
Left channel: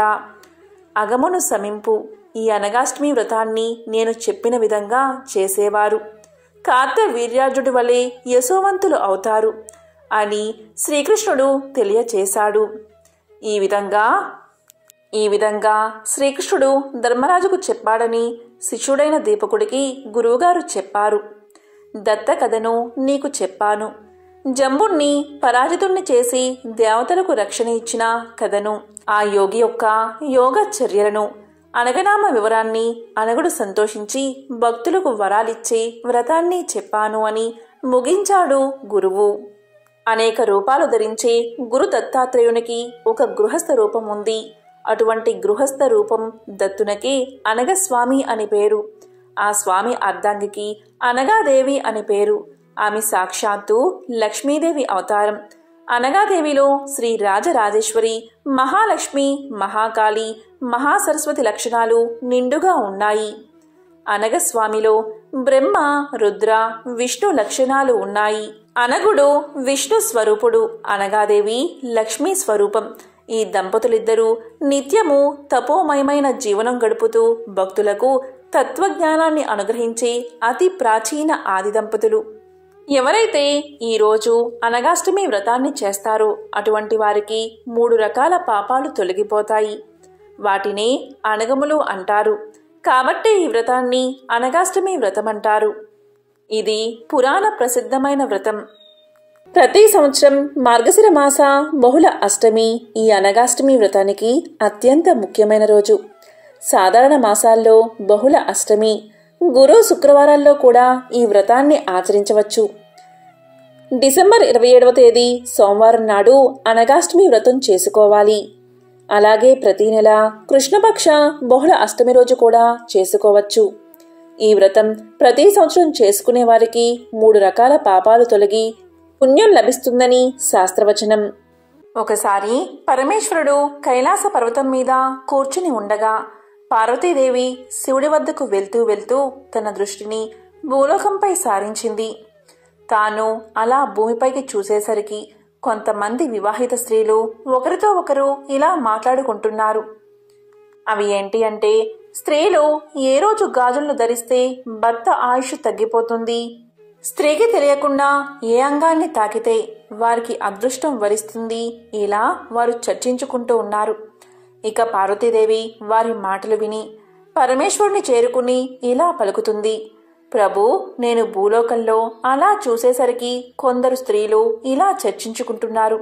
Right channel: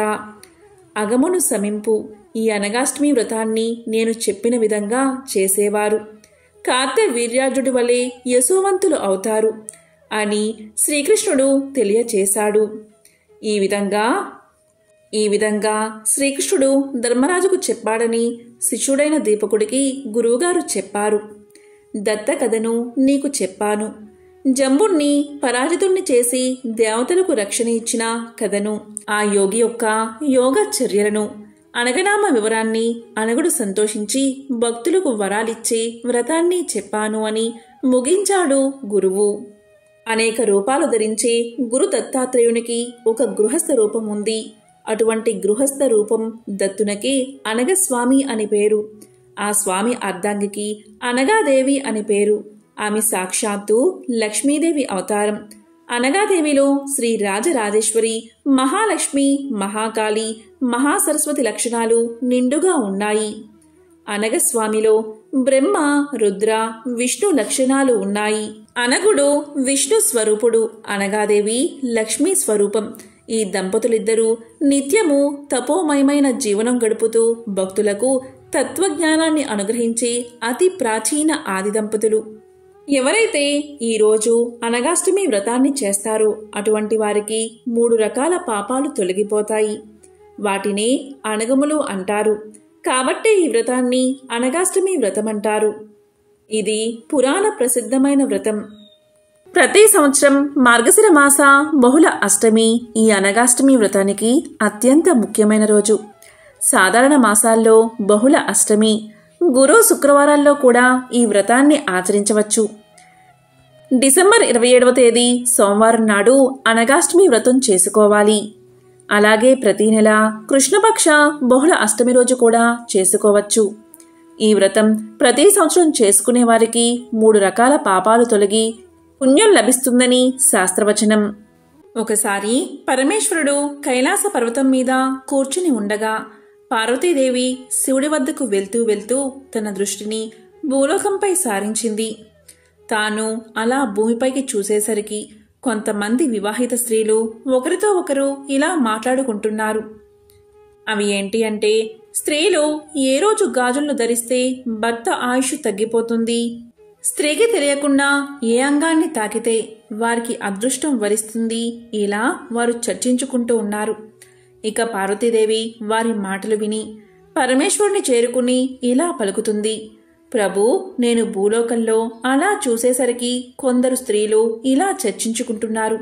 అగమును సమింపు. ఈ అనగాష్టమి వ్రతాన్ని నేను చెప్పిన విధంగా చేసేవారు కార్తవీర్యార్జుడి వలె యశోవంతులు అవుతారు అని శ్రీకృష్ణుడు తెలియచేశాడు. ఈ విధంగా శ్రీకృష్ణుడు ధర్మరాజుకు చెప్పాడని శిష్యుడైన దీపకుడికి గురువుగారు చెప్పారు. దత్త కథను నీకు చెప్పాను. జంబుణ్ణి పరాజితుణ్ణి చేసి దేవతలకు రక్షణ ఇచ్చిన కథను, ఆ యోగి యొక్క యోగ చర్యలను, అనగనామ వివరాన్ని, అనగుడు సంతోషించి భక్తులకు వరాలిచ్చే వ్రతాన్ని చెప్పాను అని ముగించాడు గురువు. అనేక రూపాలు ధరించే గురు దత్తాత్రేయునికి ఒక గృహస్థ రూపం ఉంది. అటువంటి గృహస్థ రూపం దత్తునకే అనగస్వామి అని పేరు. ఆ స్వామి అర్ధాంగికి అనగాదేవి అని పేరు. ఆమె సాక్షాత్తు లక్ష్మీదేవి అవతారం. అనగాదేవిలో శ్రీ రాజరాజేశ్వరి, మహాలక్ష్మి, మహాకాళి, మహాసరస్వతి లక్షణాలు నిండుగా ఉన్నాయి. అనగస్వామిలో బ్రహ్మ, రుద్ర, విష్ణు లక్షణాలు ఉన్నాయి. అనగుడు విష్ణు స్వరూపుడు, అనగాదేవి లక్ష్మీ స్వరూపం. ఈ దంపతులిద్దరూ నిత్యము తపోమయమైన జీవనం గడుపుతూ భక్తులకు తత్వజ్ఞానాన్ని అనుగ్రహించే అతి ప్రాచీన ఆది దంపతులు. ఎవరైతే ఈరోజు అనగాష్టమి వ్రతాన్ని చేస్తారో అటువంటి వారికి 3 రకాల పాపాలు తొలగిపోతాయి. వాటినే అనగములు అంటారు. కాబట్టే ఈ వ్రతాన్ని అనగాష్టమి వ్రతం అంటారు. ఇది పురాణ ప్రసిద్ధమైన వ్రతం. ప్రతి సంవత్సరం మార్గశిర మాస బహుళ అష్టమి ఈ అనగాష్టమి వ్రతానికి అత్యంత ముఖ్యమైన రోజు. సాధారణ మాసాల్లో బహుళ అష్టమి, గురు శుక్రవారాల్లో కూడా ఈ వ్రతాన్ని ఆచరించవచ్చు. డిసెంబర్ 27వ తేదీ సోమవారం నాడు అనగాష్టమి వ్రతం చేసుకోవాలి. అలాగే ప్రతి నెల కృష్ణపక్ష బహుళ అష్టమి రోజు కూడా చేసుకోవచ్చు. ఈ వ్రతం ప్రతి సంవత్సరం చేసుకునే వారికి 3 రకాల పాపాలు తొలగి పుణ్యం లభిస్తుందని శాస్త్రవచనం. ఒకసారి పరమేశ్వరుడు కైలాస పర్వతం మీద కూర్చుని ఉండగా పార్వతీదేవి శివుడి వద్దకు వెళ్తూ తన దృష్టిని భూలోకంపై సారించింది. తాను అలా భూమిపైకి చూసేసరికి కొంతమంది వివాహిత స్త్రీలు ఒకరితో ఒకరు ఇలా మాట్లాడుకుంటున్నారు. అవి ఏంటి అంటే, స్త్రీలు ఏ రోజు గాజులను ధరిస్తే భర్త ఆయుష్ తగ్గిపోతుంది, స్త్రీకి తెలియకుండా ఏ అంగాన్ని తాకితే వారికి అదృష్టం వరిస్తుంది, ఇలా వారు చర్చించుకుంటూ ఉన్నారు. ఇక పార్వతీదేవి వారి మాటలు విని పరమేశ్వరుని చేరుకుని ఇలా పలుకుతుంది. ప్రభు, నేను భూలోకంలో అలా చూసేసరికి కొందరు స్త్రీలు ఇలా చర్చించుకుంటున్నారు.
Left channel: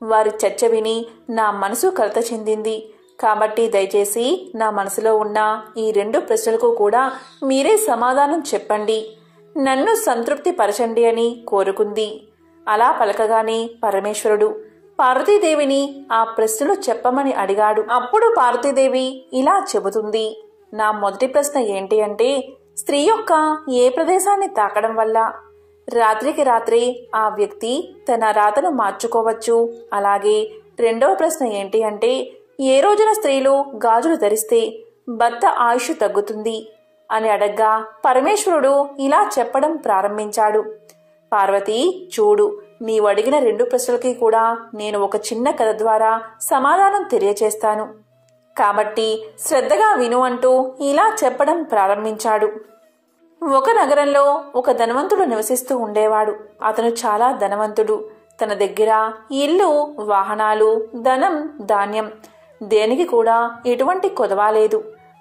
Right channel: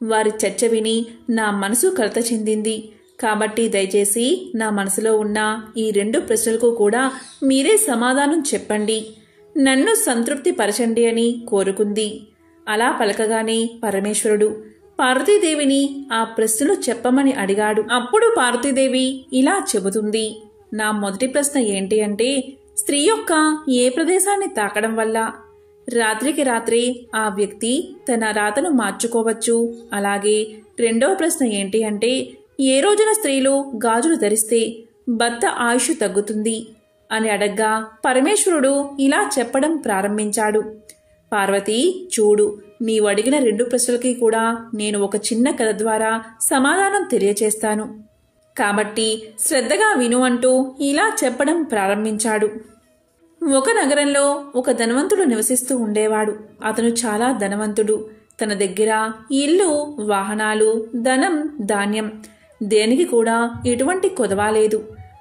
వారి చర్చ విని నా మనసు కలత చెందింది. కాబట్టి దయచేసి నా మనసులో ఉన్న ఈ 2 ప్రశ్నలకు కూడా మీరే సమాధానం చెప్పండి, నన్ను సంతృప్తి పరచండి అని కోరుకుంది. అలా పలకగానే పరమేశ్వరుడు పార్వతీదేవిని ఆ ప్రశ్నలు చెప్పమని అడిగాడు. అప్పుడు పార్వతీదేవి ఇలా చెబుతుంది. నా మొదటి ప్రశ్న ఏంటి అంటే, స్త్రీ యొక్క ఏ ప్రదేశాన్ని తాకడం వల్ల రాత్రికి రాత్రే ఆ వ్యక్తి తన రాతను మార్చుకోవచ్చు. అలాగే రెండవ ప్రశ్న ఏంటి అంటే, ఏ రోజున స్త్రీలు గాజులు ధరిస్తే భర్త ఆయుష్ తగ్గుతుంది అని అడగ్గా పరమేశ్వరుడు ఇలా చెప్పడం ప్రారంభించాడు. పార్వతి, చూడు, నీవు అడిగిన 2 ప్రశ్నలకి కూడా నేను ఒక చిన్న కథ ద్వారా సమాధానం తెలియచేస్తాను. కాబట్టి శ్రద్ధగా విను అంటూ ఇలా చెప్పడం ప్రారంభించాడు. ఒక నగరంలో ఒక ధనవంతుడు నివసిస్తూ ఉండేవాడు. అతను చాలా ధనవంతుడు. తన దగ్గర ఇల్లు, వాహనాలు, ధనం, ధాన్యం దేనికి కూడా ఎటువంటి కొదవాలేదు.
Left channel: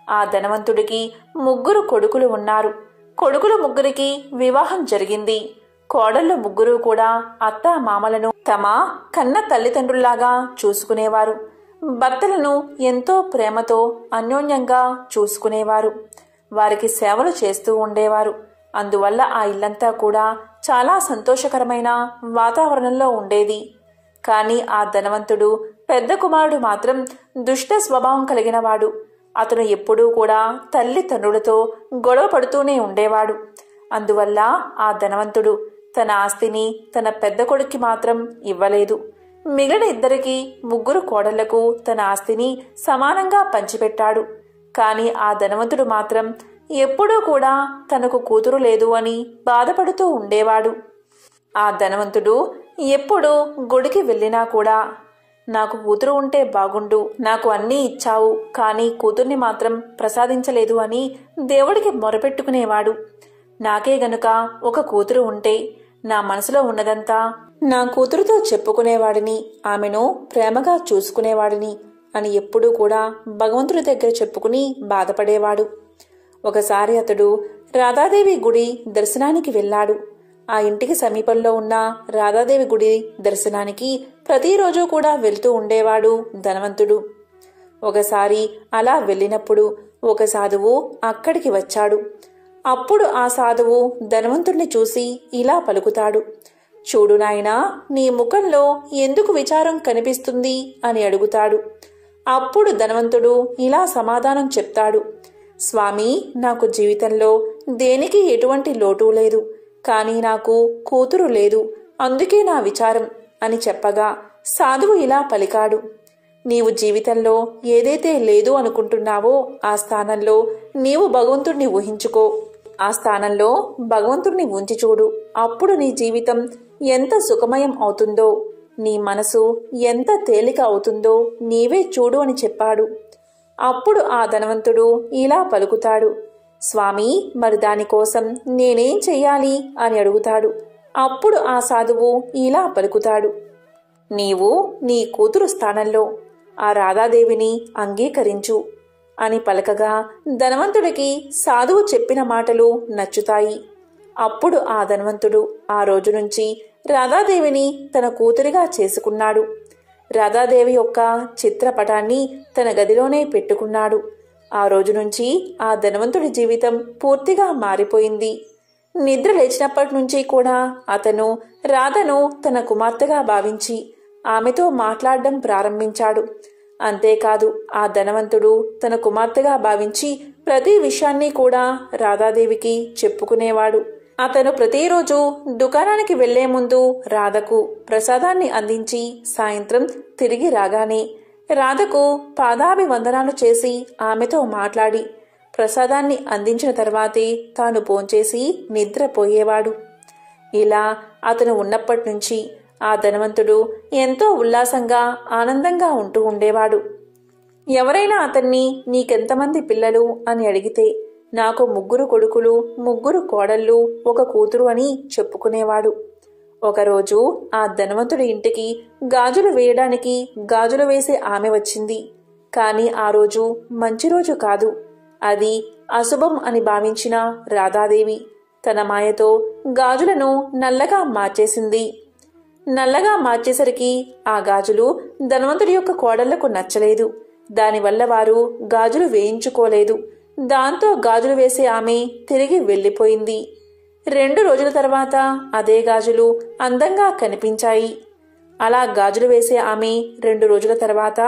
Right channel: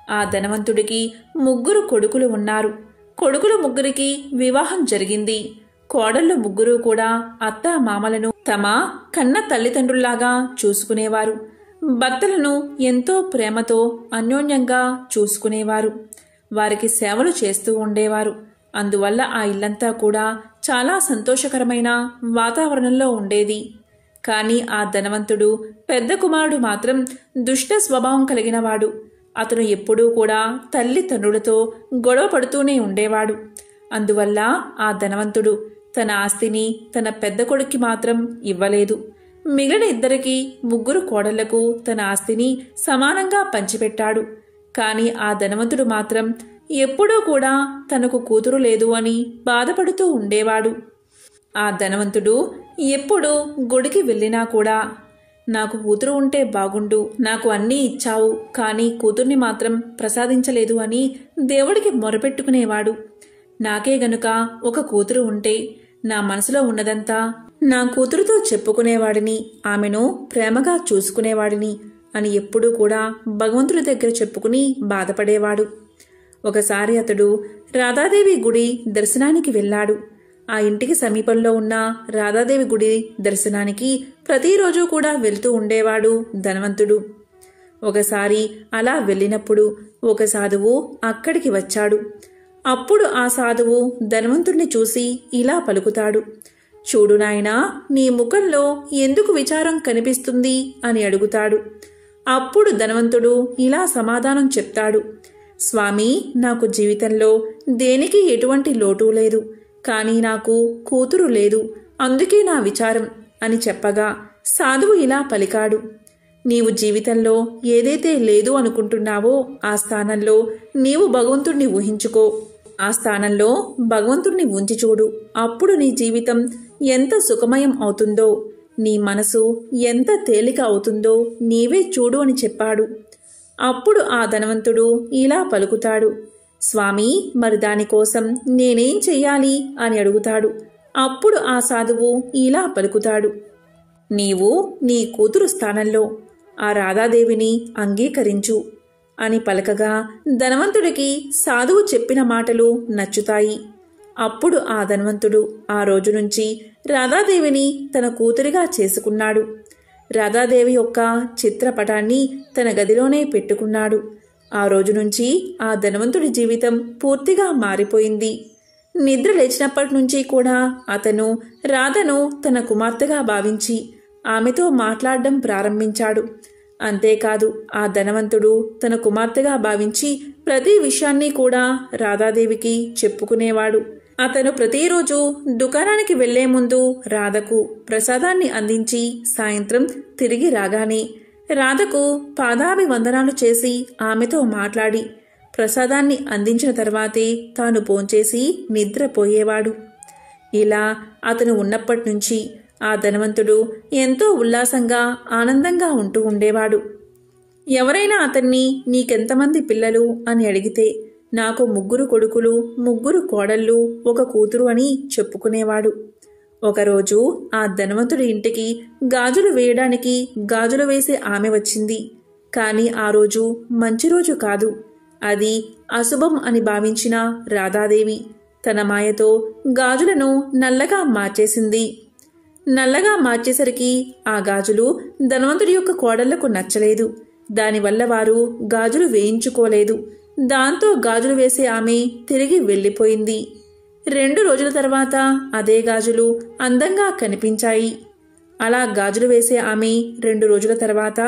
ఆ ధనవంతుడికి 3 కొడుకులు ఉన్నారు. కొడుకులు 3కి వివాహం జరిగింది. కోడళ్ళు 3 కూడా అత్త మామలను తమ కన్న తల్లిదండ్రుల్లాగా చూసుకునేవారు. భర్తలను ఎంతో ప్రేమతో అన్యోన్యంగా చూసుకునేవారు. వారికి సేవలు చేస్తూ ఉండేవారు. అందువల్ల ఆ ఇల్లంతా కూడా చాలా సంతోషకరమైన వాతావరణంలో ఉండేది. కానీ ఆ ధనవంతుడు పెద్ద కుమారుడు మాత్రం దుష్ట స్వభావం కలిగినవాడు. అతను ఎప్పుడూ కూడా తల్లిదండ్రులతో గొడవ పడుతూనే ఉండేవాడు. అందువల్ల ఆ ధనవంతుడు తన ఆస్తిని తన పెద్ద కొడుక్కి మాత్రం ఇవ్వలేదు. మిగిలిన 2కి 3 కోడళ్లకు తన ఆస్తిని సమానంగా పంచిపెట్టాడు. కానీ ఆ ధనవంతుడు మాత్రం ఎప్పుడూ కూడా తనకు కూతురు లేదు అని బాధపడుతూ ఉండేవాడు. ఆ ధనవంతుడు ఎప్పుడు గుడికి వెళ్ళినా కూడా నాకు కూతురు ఉంటే బాగుండు, నాకు అన్నీ ఇచ్చావు, కానీ కూతుర్ని మాత్రం ప్రసాదించలేదు అని దేవుడికి మొరపెట్టుకునేవాడు. నాకే గనుక ఒక కూతురు ఉంటే నా మనసులో ఉన్నదంతా నా కూతురుతో చెప్పుకునేవాడిని, ఆమెను ప్రేమగా చూసుకునేవాడిని అని ఎప్పుడూ కూడా భగవంతుడి దగ్గర చెప్పుకుని బాధపడేవాడు. ఒకసారి అతడు రాధాదేవి గుడి దర్శనానికి వెళ్ళాడు. ఆ ఇంటికి సమీపంలో ఉన్న రాధాదేవి గుడి దర్శనానికి ప్రతిరోజు కూడా వెళ్తూ ఉండేవాడు ధనవంతుడు. ఒకసారి అలా వెళ్ళినప్పుడు ఒక సాధువు అక్కడికి వచ్చాడు. అప్పుడు ఆ సాధువు ధనవంతుడిని చూసి ఇలా పలుకుతాడు, చూడు నాయనా, నీ ముఖంలో ఎందుకు విచారం కనిపిస్తుంది అని అడుగుతాడు. అప్పుడు ధనవంతుడు ఇలా సమాధానం చెప్తాడు, స్వామి, నాకు జీవితంలో దేనికి ఎటువంటి లోటు లేదు, కానీ నాకు కూతురు లేదు, అందుకే నా విచారం అని చెప్పగా సాధువు ఇలా పలికాడు, నీవు జీవితంలో ఏదైతే లేదు అనుకుంటున్నావో ఆ స్థానంలో నీవు భగవంతుణ్ణి ఊహించుకో, ఆ స్థానంలో భగవంతుణ్ణి ఉంచి చూడు, అప్పుడు నీ జీవితం ఎంత సుఖమయం అవుతుందో, నీ మనసు ఎంత తేలిక అవుతుందో నీవే చూడు అని చెప్పాడు. అప్పుడు ఆ ధనవంతుడు ఇలా పలుకుతాడు, స్వామి, మరి దానికోసం నేనేం చెయ్యాలి అని అడుగుతాడు. అప్పుడు ఆ సాధువు ఇలా పలుకుతాడు, నీవు నీ కూతురు స్థానంలో ఆ రాధాదేవిని అంగీకరించు అని పలకగా ధనవంతుడికి సాధువు చెప్పిన మాటలు నచ్చుతాయి. అప్పుడు ఆ ధనవంతుడు ఆ రోజు నుంచి రాధాదేవిని తన కూతురిగా చేసుకున్నాడు. రాధాదేవి యొక్క చిత్రపటాన్ని తన గదిలోనే పెట్టుకున్నాడు. ఆ రోజు నుంచి ఆ ధనవంతుడి జీవితం పూర్తిగా మారిపోయింది. నిద్ర లేచినప్పటి నుంచి కూడా అతను రాధను తన కుమార్తెగా భావించి ఆమెతో మాట్లాడడం ప్రారంభించాడు. అంతేకాదు, ఆ ధనవంతుడు తన కుమార్తెగా భావించి ప్రతి విషయాన్ని కూడా రాధాదేవికి చెప్పుకునేవాడు. అతను ప్రతిరోజు దుకాణానికి వెళ్లే ముందు రాధకు ప్రసాదాన్ని అందించి సాయంత్రం తిరిగి రాగానే రాధకు పాదాభివందనాలు చేసి ఆమెతో మాట్లాడి ప్రసాదాన్ని అందించిన తర్వాతే తాను భోంచేసి నిద్రపోయేవాడు. ఇలా అతను ఉన్నప్పటి నుంచి ఆ ధనవంతుడు ఎంతో ఉల్లాసంగా ఆనందంగా ఉంటూ ఉండేవాడు. ఎవరైనా అతన్ని నీకెంతమంది పిల్లలు అని అడిగితే నాకు 3 కొడుకులు, 3 కోడళ్ళు, 1 కూతురు అని చెప్పుకునేవాడు. ఒకరోజు ఆ ధనవంతుడి ఇంటికి గాజులు వేయడానికి గాజులు వేసే ఆమె వచ్చింది. కాని ఆ రోజు మంచి రోజు కాదు. అది అశుభం అని భావించిన రాధాదేవి తన మాయతో గాజులను నల్లగా మార్చేసింది. నల్లగా మార్చేసరికి ఆ గాజులు ధనవంతుడి యొక్క కోడళ్లకు నచ్చలేదు. దానివల్ల వారు గాజులు వేయించుకోలేదు. దాంతో గాజులు వేసే ఆమె తిరిగి వెళ్ళిపోయింది. 2 రోజుల తర్వాత అదే గాజులు అందంగా కనిపించాయి. అలా గాజులు వేసే ఆమె 2 రోజుల తర్వాత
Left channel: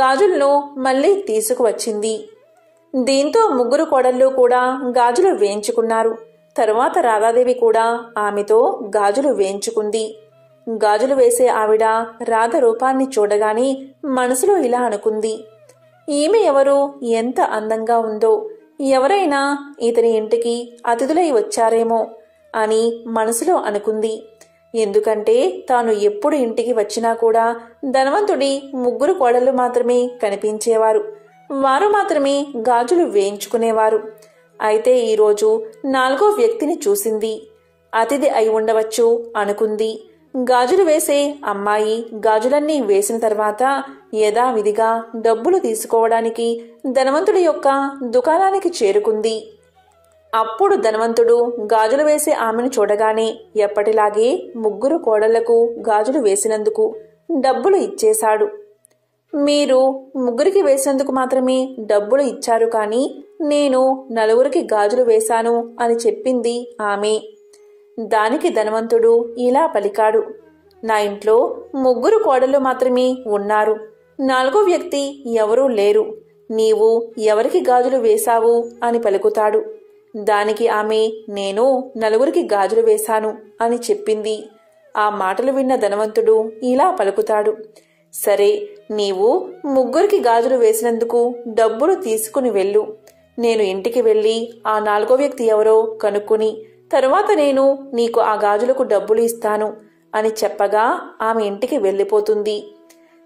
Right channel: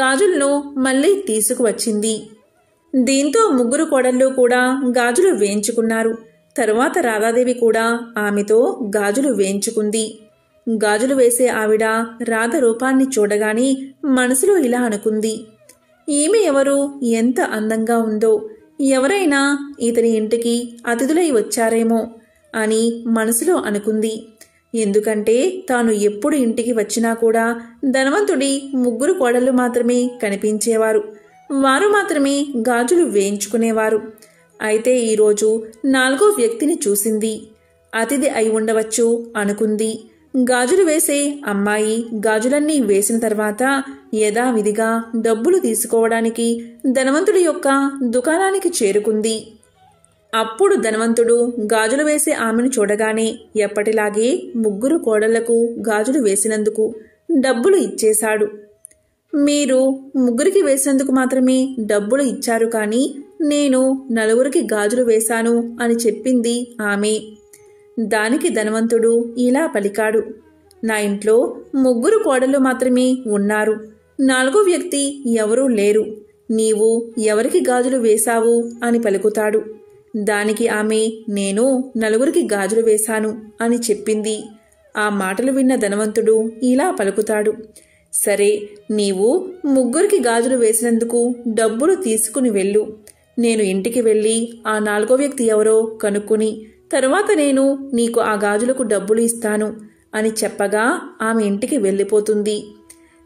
గాజులను మళ్లీ తీసుకువచ్చింది. దీంతో 3 కోడళ్ళు కూడా గాజులు వేయించుకున్నారు. తరువాత రాధాదేవి కూడా ఆమెతో గాజులు వేయించుకుంది. గాజులు వేసే ఆవిడ రాధ రూపాన్ని చూడగానే మనసులో ఇలా అనుకుంది, ఈమె ఎవరు, ఎంత అందంగా ఉందో, ఎవరైనా ఇతని ఇంటికి అతిథులై వచ్చారేమో అని మనసులో అనుకుంది. ఎందుకంటే తాను ఎప్పుడు ఇంటికి వచ్చినా కూడా ధనవంతుడి 3 కోడళ్ళు మాత్రమే కనిపించేవారు. వారు మాత్రమే గాజులు వేయించుకునేవారు. అయితే ఈరోజు 4వ వ్యక్తిని చూసింది. అతిథి అయి ఉండవచ్చు అనుకుంది. గాజులు వేసే అమ్మాయి గాజులన్నీ వేసిన తర్వాత యథావిధిగా డబ్బులు తీసుకోవడానికి ధనవంతుడి యొక్క దుకాణానికి చేరుకుంది. అప్పుడు ధనవంతుడు గాజులు వేసే ఆమెను చూడగానే ఎప్పటిలాగే 3 కోడళ్లకు గాజులు వేసినందుకు డబ్బులు ఇచ్చేశాడు. మీరు 3కి వేసినందుకు మాత్రమే డబ్బులు ఇచ్చారు, కానీ నేను 4కి గాజులు వేశాను అని చెప్పింది ఆమె. దానికి ధనవంతుడు ఇలా పలికాడు, నా ఇంట్లో 3 కోడళ్ళు మాత్రమే ఉన్నారు, 4వ వ్యక్తి ఎవరూ లేరు. నీవు ఎవరికి గాజులు వేశావు అని పలుకుతాడు. దానికి ఆమె, నేను 4కి గాజులు వేశాను అని చెప్పింది. ఆ మాటలు విన్న ధనవంతుడు ఇలా పలుకుతాడు, సరే, నీవు 3కి గాజులు వేసినందుకు డబ్బులు తీసుకుని వెళ్ళు, నేను ఇంటికి వెళ్ళి ఆ 4వ వ్యక్తి ఎవరో కనుక్కుని తరువాత నేను నీకు ఆ గాజులకు డబ్బులు ఇస్తాను అని చెప్పగా ఆమె ఇంటికి వెళ్ళిపోతుంది.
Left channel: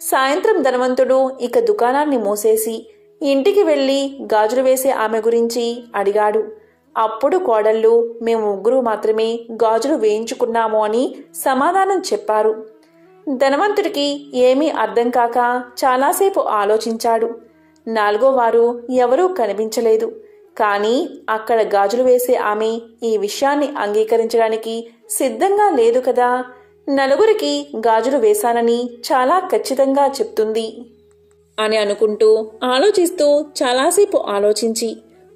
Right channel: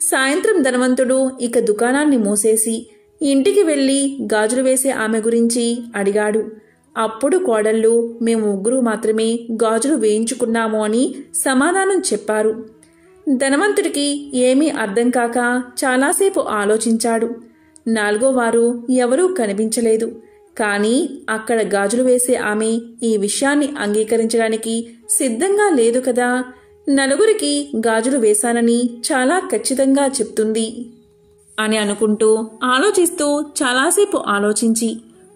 సాయంత్రం ధనవంతుడు ఇక దుకాణాన్ని మూసేసి ఇంటికి వెళ్ళి గాజులు వేసే ఆమె గురించి అడిగాడు. అప్పుడు కోడళ్ళు మేము ముగ్గురు మాత్రమే గాజులు వేయించుకున్నాము అని సమాధానం చెప్పారు. ధనవంతుడికి ఏమీ అర్థం కాక చాలాసేపు ఆలోచించాడు. 4వ వారు ఎవరూ కనిపించలేదు. కానీ అక్కడ గాజులు వేసే ఆమె ఈ విషయాన్ని అంగీకరించడానికి సిద్ధంగా లేదు కదా. నలుగురికి గాజులు వేశానని చాలా ఖచ్చితంగా చెప్తుంది అని అనుకుంటూ ఆలోచిస్తూ చాలాసేపు ఆలోచించి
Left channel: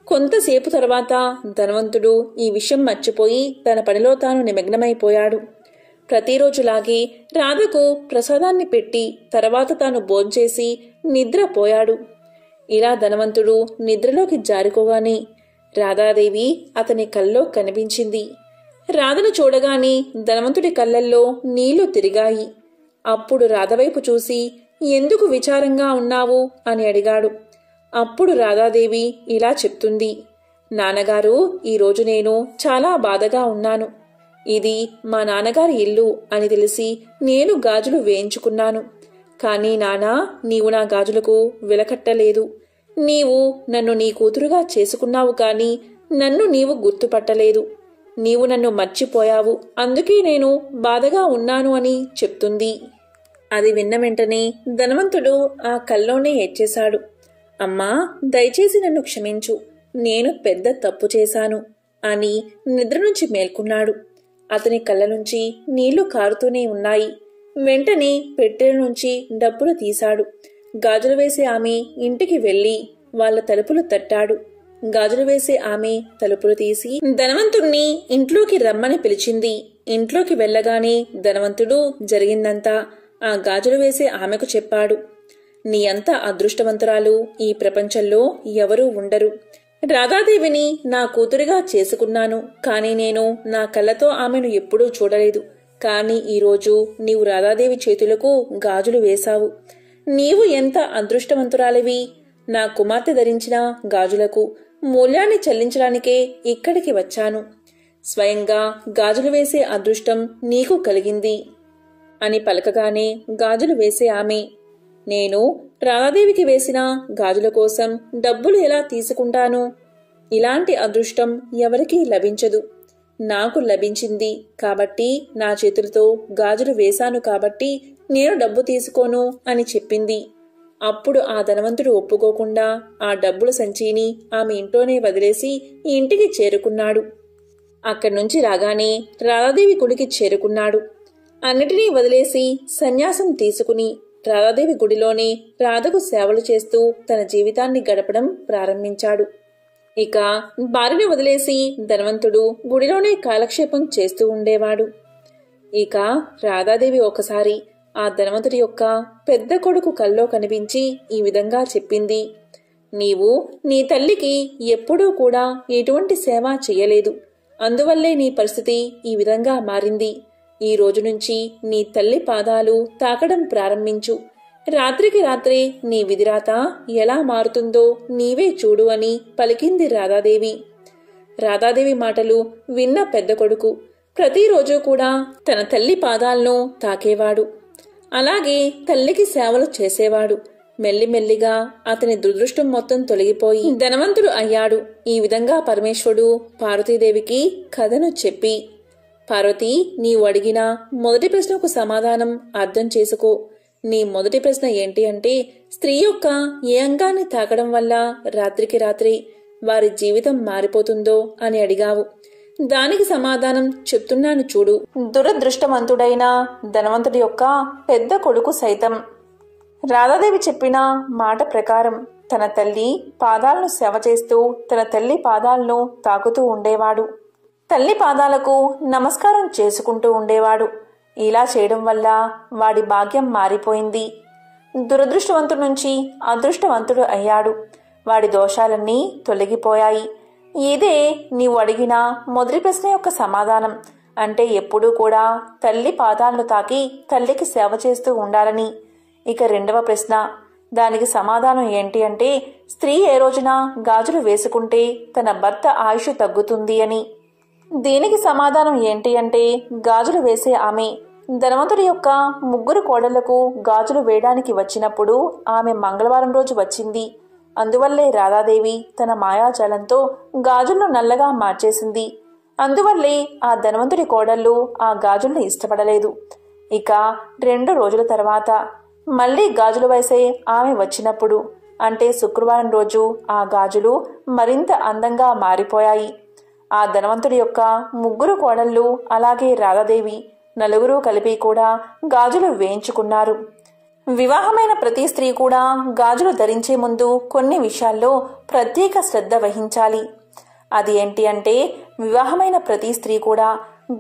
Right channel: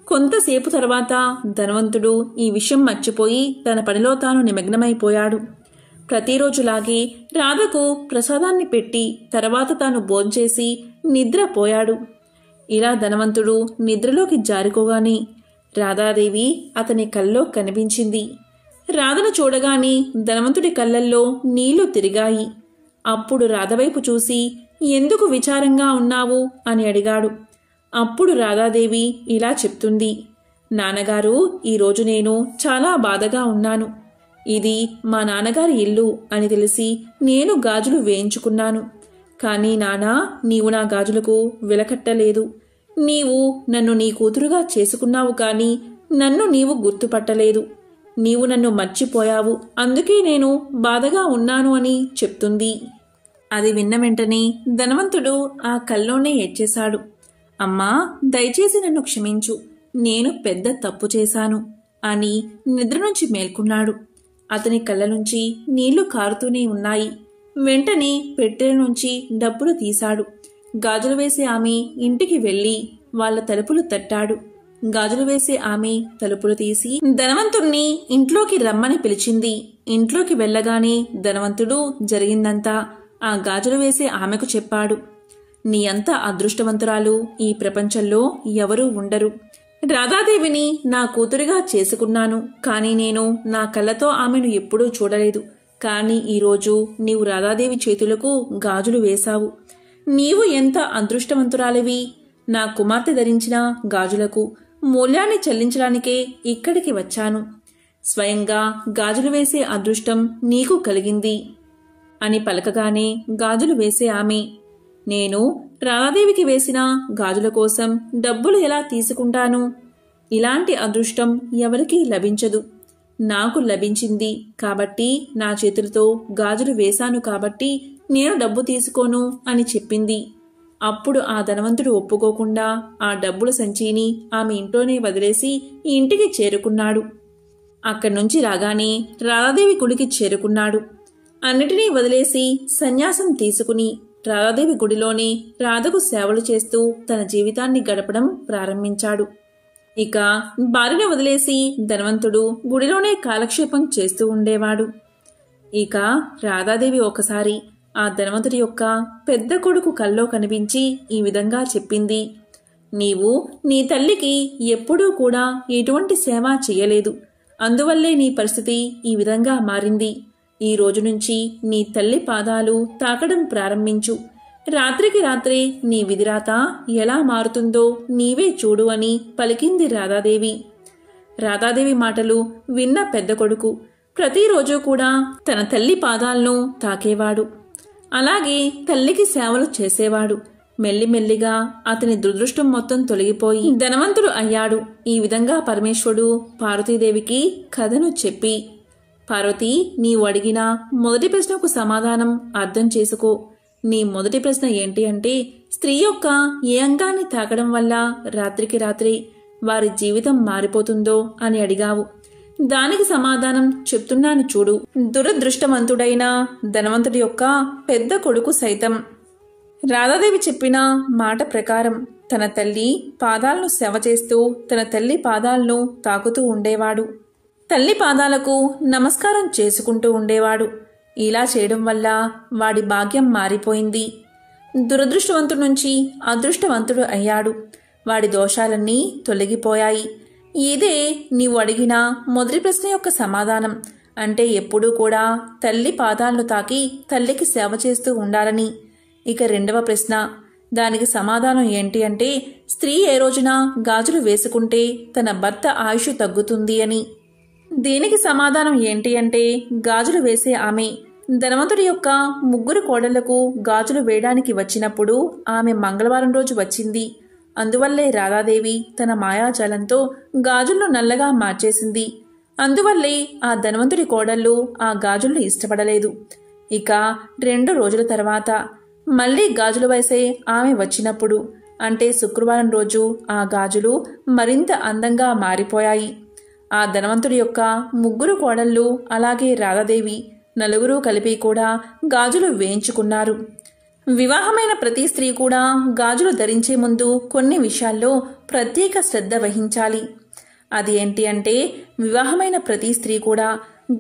కొంతసేపు తర్వాత ధనవంతుడు ఈ విషయం మర్చిపోయి తన పనిలో తాను నిమగ్నమైపోయాడు. ప్రతిరోజులాగే రాధకు ప్రసాదాన్ని పెట్టి తర్వాత తాను భోంచేసి నిద్రపోయాడు. ఇలా ధనవంతుడు నిద్రలోకి జారుకోగానే రాధాదేవి అతని కల్లో కనిపించింది. రాధను చూడగానే ధనవంతుడి కళ్ళల్లో నీళ్లు తిరిగాయి. అప్పుడు రాధవైపు చూసి ఎందుకు విచారంగా ఉన్నావు అని అడిగాడు. అప్పుడు రాధాదేవి ఇలా చెప్తుంది, నాన్నగారు, ఈరోజు నేను చాలా బాధగా ఉన్నాను. ఇది మా నాన్నగారి ఇల్లు అని తెలిసి నేను గాజులు వేయించుకున్నాను. కానీ నానా, నీవు నా గాజులకు విలకట్టలేదు. నీవు నన్ను నీ కూతురుగా చేసుకున్నావు కానీ నన్ను నీవు గుర్తుపట్టలేదు. నీవు నన్ను మర్చిపోయావు, అందుకే నేను బాధగా ఉన్నాను అని చెప్తుంది. అది విన్న వెంటనే ధనవంతుడు ఆ కల్లోనే ఏడ్చేశాడు. అమ్మా, దయచేసి నన్ను క్షమించు, నేను పెద్ద తప్పు చేశాను అని నిద్ర నుంచి మేల్కొన్నాడు. అతని కళ్ళ నుంచి నీళ్లు కారుతూనే ఉన్నాయి. వెంటనే పెట్టెల నుంచి డబ్బులు తీశాడు. గాజులు వేసే ఆమె ఇంటికి వెళ్లి వాళ్ళ తలుపులు తట్టాడు. గాజులు వేసే ఆమె తలుపులు తీసి ధనవంతుణ్ణి ఇంట్లోకి రమ్మని పిలిచింది. ఇంట్లోకి వెళ్ళగానే ధనవంతుడు జరిగిందంతా ఆ గాజులు వేసే ఆమెకు చెప్పాడు. నీ అంత అదృష్టవంతురాలు ఈ ప్రపంచంలో ఎవరూ ఉండరు. రాధాదేవిని నా కూతురుగా చేసుకున్నాను, కానీ నేను నా కళ్ళతో ఆమెను ఎప్పుడూ చూడలేదు. కానీ ఈరోజు నీవు రాధాదేవి చేతులకు గాజులు వేశావు. నీవు ఎంత అదృష్టవంతురాలివి. నా కుమార్తె ధరించిన గాజులకు మూల్యాన్ని చెల్లించడానికే ఇక్కడికి వచ్చాను. స్వయంగా గాజులు వేసే అదృష్టం నీకు కలిగింది అని పలకగానే గాజులు వేసే ఆమె, నేను రాధాదేవికి వేసిన గాజుల కోసం డబ్బులు ఎలా తీసుకుంటాను? ఇలాంటి అదృష్టం ఎవరికీ లభించదు. నాకు లభించింది కాబట్టి నా చేతులతో గాజులు వేశాను కాబట్టి నేను డబ్బు తీసుకోను అని చెప్పింది. అప్పుడు ఆ ధనవంతుడు ఒప్పుకోకుండా ఆ డబ్బుల సంచిని ఆమె ఇంట్లోనే వదిలేసి ఇంటికి చేరుకున్నాడు. అక్కడి నుంచి రాగానే రాధాదేవి గుడికి చేరుకున్నాడు. అన్నిటినీ వదిలేసి సన్యాసం తీసుకుని రాధాదేవి గుడిలోనే రాధకు సేవలు చేస్తూ తన జీవితాన్ని గడపడం ప్రారంభించాడు. ఇక భార్యను వదిలేసి ధనవంతుడు గుడిలోనే కాలక్షేపం చేస్తూ ఉండేవాడు. ఇక రాధాదేవి ఒకసారి ఆ ధనవంతుడి యొక్క పెద్ద కొడుకు కల్లో కనిపించి ఈ విధంగా చెప్పింది, నీవు నీ తల్లికి ఎప్పుడూ కూడా ఎటువంటి సేవ చెయ్యలేదు. అందువల్లే నీ పరిస్థితి ఈ విధంగా మారింది. ఈ రోజు నుంచి నీ తల్లి పాదాలు తాకడం ప్రారంభించు. రాత్రికి రాత్రే నీ విధిరాత ఎలా మారుతుందో నీవే చూడు అని పలికింది రాధాదేవి. రాధాదేవి మాటలు విన్న పెద్ద కొడుకు ప్రతిరోజు కూడా తన తల్లి పాదాలను తాకేవాడు. అలాగే తల్లికి సేవలు చేసేవాడు. మెల్లిమెల్లిగా అతని దురదృష్టం మొత్తం తొలగిపోయి ధనవంతుడు అయ్యాడు. ఈ విధంగా పరమేశ్వరుడు పార్వతీదేవికి కథను చెప్పి, పార్వతి, నీవు అడిగిన మొదటి ప్రశ్నకు సమాధానం అర్థం చేసుకో. నీ మొదటి ప్రశ్న ఏంటి అంటే, స్త్రీ యొక్క ఏ అంగాన్ని తాకడం వల్ల రాత్రికి రాత్రి వారి జీవితం మారిపోతుందో అని అడిగావు. దానికి సమాధానం చెప్తున్నాను చూడు. దురదృష్టవంతుడైన ధనవంతుడి యొక్క పెద్ద కొడుకు సైతం రాధాదేవి చెప్పిన మాట ప్రకారం తన తల్లి పాదాలను సేవ చేస్తూ తన తల్లి పాదాలను తాకుతూ ఉండేవాడు. తల్లి పాదాలకు నమస్కారం చేసుకుంటూ ఉండేవాడు. ఇలా చేయడం వల్ల వాడి భాగ్యం మారిపోయింది. దురదృష్టవంతుడి నుంచి అదృష్టవంతుడు అయ్యాడు. వాడి దోషాలన్నీ తొలగిపోయాయి. ఇదే నీవు అడిగిన మొదటి ప్రశ్న యొక్క సమాధానం. అంటే ఎప్పుడూ కూడా తల్లి పాదాలను తాకి తల్లికి సేవ చేస్తూ ఉండాలని. ఇక రెండవ ప్రశ్న, దానికి సమాధానం ఏంటి అంటే, స్త్రీ ఏ రోజున గాజులు వేసుకుంటే తన భర్త ఆయుష్ తగ్గుతుంది అని. దీనికి సమాధానం ఏంటి అంటే, గాజులు వేసే ఆమె ధనవంతుడి యొక్క 3 కోడళ్లకు గాజులు వేయడానికి వచ్చినప్పుడు ఆమె మంగళవారం రోజు వచ్చింది. అందువల్లే రాధాదేవి తన మాయాజాలంతో గాజులను నల్లగా మార్చేసింది. అందువల్లే ఆ ధనవంతుడి కోడళ్ళు ఆ గాజులను ఇష్టపడలేదు. ఇక 2 రోజుల తర్వాత మళ్లీ గాజులు వేసే ఆమె వచ్చినప్పుడు, అంటే శుక్రవారం రోజు ఆ గాజులు మరింత అందంగా మారిపోయాయి. ఆ ధనవంతుడి యొక్క 3 కోడళ్ళు అలాగే రాధాదేవి నలుగురు కలిపి కూడా గాజులు వేయించుకున్నారు. వివాహమైన ప్రతి స్త్రీ కూడా గాజులు ధరించే ముందు కొన్ని విషయాల్లో ప్రత్యేక శ్రద్ధ వహించాలి. అది ఏంటి అంటే, వివాహమైన ప్రతి స్త్రీ కూడా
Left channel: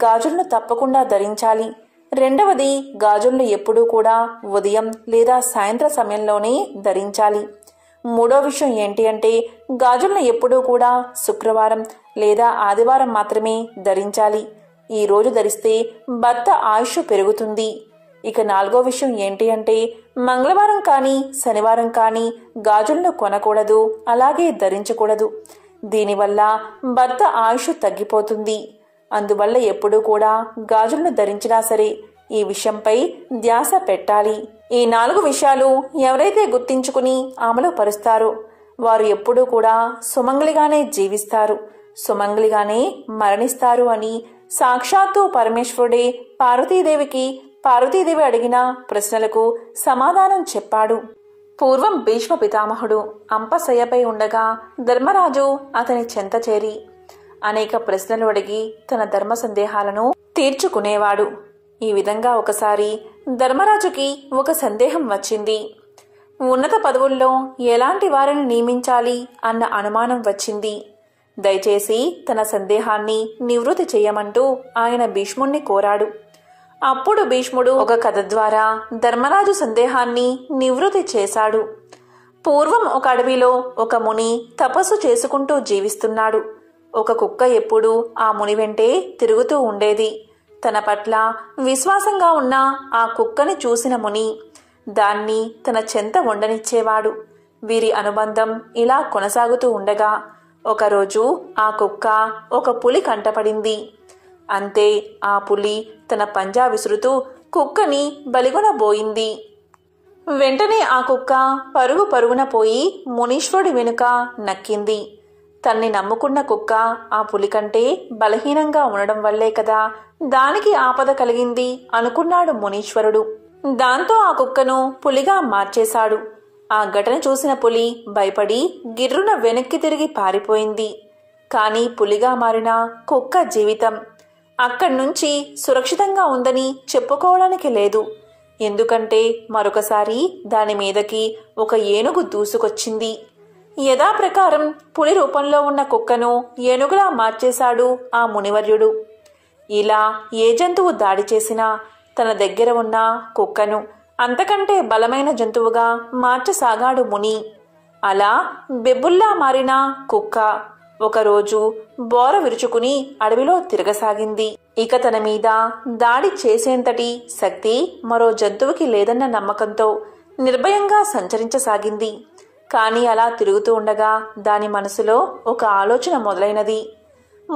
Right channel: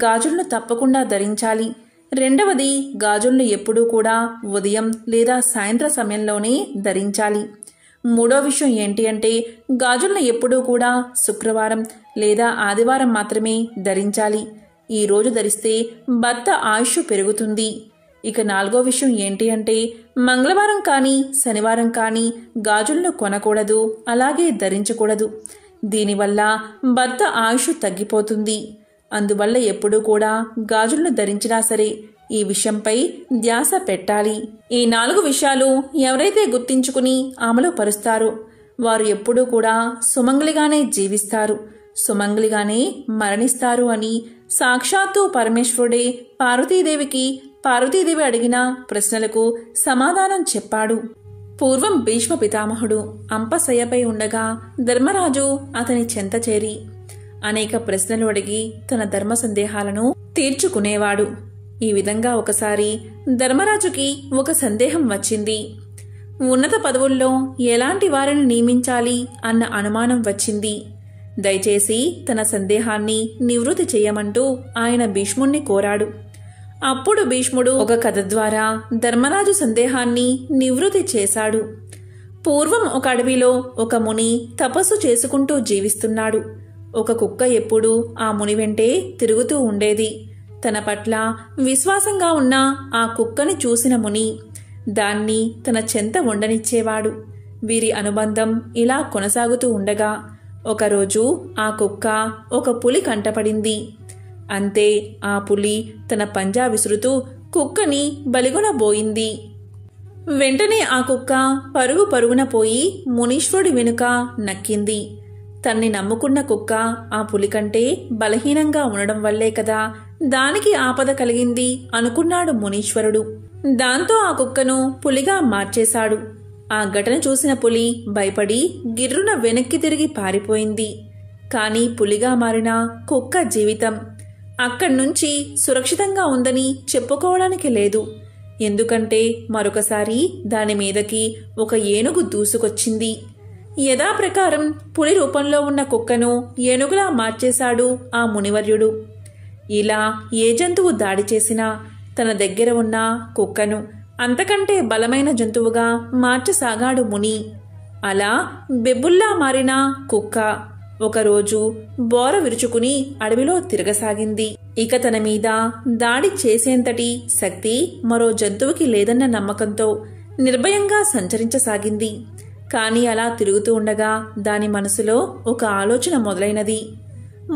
గాజులను తప్పకుండా ధరించాలి. రెండవది, గాజులను ఎప్పుడూ కూడా ఉదయం లేదా సాయంత్ర సమయంలోనే ధరించాలి. మూడో విషయం ఏంటి అంటే, గాజులను ఎప్పుడూ కూడా శుక్రవారం లేదా ఆదివారం మాత్రమే ధరించాలి. ఈ రోజు ధరిస్తే భర్త ఆయుష్ పెరుగుతుంది. ఇక నాలుగో విషయం ఏంటి అంటే, మంగళవారం కానీ శనివారం కానీ గాజులను కొనకూడదు, అలాగే ధరించకూడదు. దీనివల్ల భర్త ఆయుష్ తగ్గిపోతుంది. అందువల్ల ఎప్పుడూ కూడా గాజులను ధరించినా సరే ఈ విషయంపై ధ్యాస పెట్టాలి. ఈ 4 విషయాలు ఎవరైతే గుర్తించుకుని అమలు పరుస్తారో వారు ఎప్పుడూ కూడా సుమంగళిగానే జీవిస్తారు, సుమంగళిగానే మరణిస్తారు అని సాక్షాత్తు పరమేశ్వరుడే పార్వతీదేవి అడిగిన ప్రశ్నలకు సమాధానం చెప్పాడు. పూర్వం భీష్మ పితామహుడు అంపశయ్యపై ఉండగా ధర్మరాజు అతని చెంత చేరి అనేక ప్రశ్నలు అడిగి తన ధర్మ సందేహాలను తీర్చుకునేవాడు. ఈ విధంగా ఒకసారి ధర్మరాజుకి ఒక సందేహం వచ్చింది. ఉన్నత పదవుల్లో ఎలాంటి వారిని నియమించాలి అన్న అనుమానం వచ్చింది. దయచేసి తన సందేహాన్ని నివృత్తి చేయమంటూ ఆయన భీష్ముణ్ణి కోరాడు. అప్పుడు భీష్ముడు ఒక కథ ద్వారా ధర్మరాజు సందేహాన్ని నివృత్తి చేశాడు. పూర్వం ఒక అడవిలో ఒక ముని తపస్సు చేసుకుంటూ జీవిస్తున్నాడు. ఒక కుక్క ఎప్పుడూ ఆ ముని వెంటే తిరుగుతూ ఉండేది. తన పట్ల విశ్వాసంగా ఉన్న ఆ కుక్కని చూసిన ముని దాన్ని తన చెంత ఉండనిచ్చేవాడు. వీరి అనుబంధం ఇలా కొనసాగుతూ ఉండగా ఒకరోజు ఆ కుక్క ఒక పులి కంటపడింది. అంతే, ఆ పులి తన పంజా విసురుతూ కుక్కని బలిగొనబోయింది. వెంటనే ఆ కుక్క పరుగున పోయి మునీశ్వరుడి వెనుక నక్కింది. తన్ని నమ్ముకున్న కుక్క ఆ పులి కంటే బలహీనంగా ఉండడం వల్లే కదా దానికి ఆపద కలిగింది అనుకున్నాడు మునీశ్వరుడు. దాంతో ఆ కుక్కను పులిగా మార్చేశాడు. ఆ ఘటన చూసిన పులి భయపడి గిర్రున వెనక్కి తిరిగి పారిపోయింది. కానీ పులిగా మారిన కుక్క జీవితం అక్కడ్నుంచి సురక్షితంగా ఉందని చెప్పుకోవడానికి లేదు. ఎందుకంటే మరొకసారి దాని మీదకి ఒక ఏనుగు దూసుకొచ్చింది. యథాప్రకారం పులి రూపంలో ఉన్న కుక్కను ఏనుగులా మార్చేశాడు ఆ మునివర్యుడు. ఇలా ఏ జంతువు దాడి చేసినా తన దగ్గర ఉన్న కుక్కను అంతకంటే బలమైన జంతువుగా మార్చసాగాడు ముని. అలా బెబ్బుల్లా మారిన కుక్క ఒకరోజు బోర విరుచుకుని అడవిలో తిరగసాగింది. ఇక తన మీద దాడి చేసేంతటి శక్తి మరో జంతువుకి లేదన్న నమ్మకంతో నిర్భయంగా సంచరించసాగింది. కాని అలా తిరుగుతూ ఉండగా దాని మనసులో ఒక ఆలోచన మొదలైనది.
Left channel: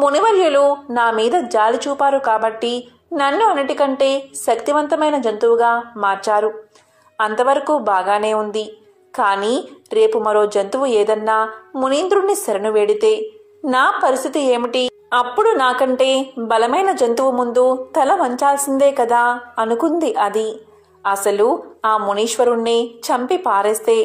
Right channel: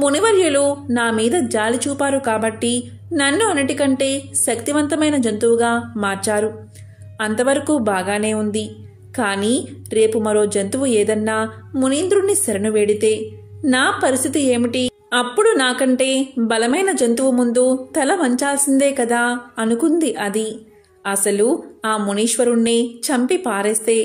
మునివర్యులు నా మీద జాలి చూపారు కాబట్టి నన్ను అన్నిటికంటే శక్తివంతమైన జంతువుగా మార్చారు. అంతవరకు బాగానే ఉంది. కానీ రేపు మరో జంతువు ఏదన్నా మునీంద్రుణ్ణి శరణు వేడితే నా పరిస్థితి ఏమిటి? అప్పుడు నాకంటే బలమైన జంతువు ముందు తల వంచాల్సిందే కదా అనుకుంది అది. అసలు ఆ మునీశ్వరుణ్ణి చంపి పారేస్తే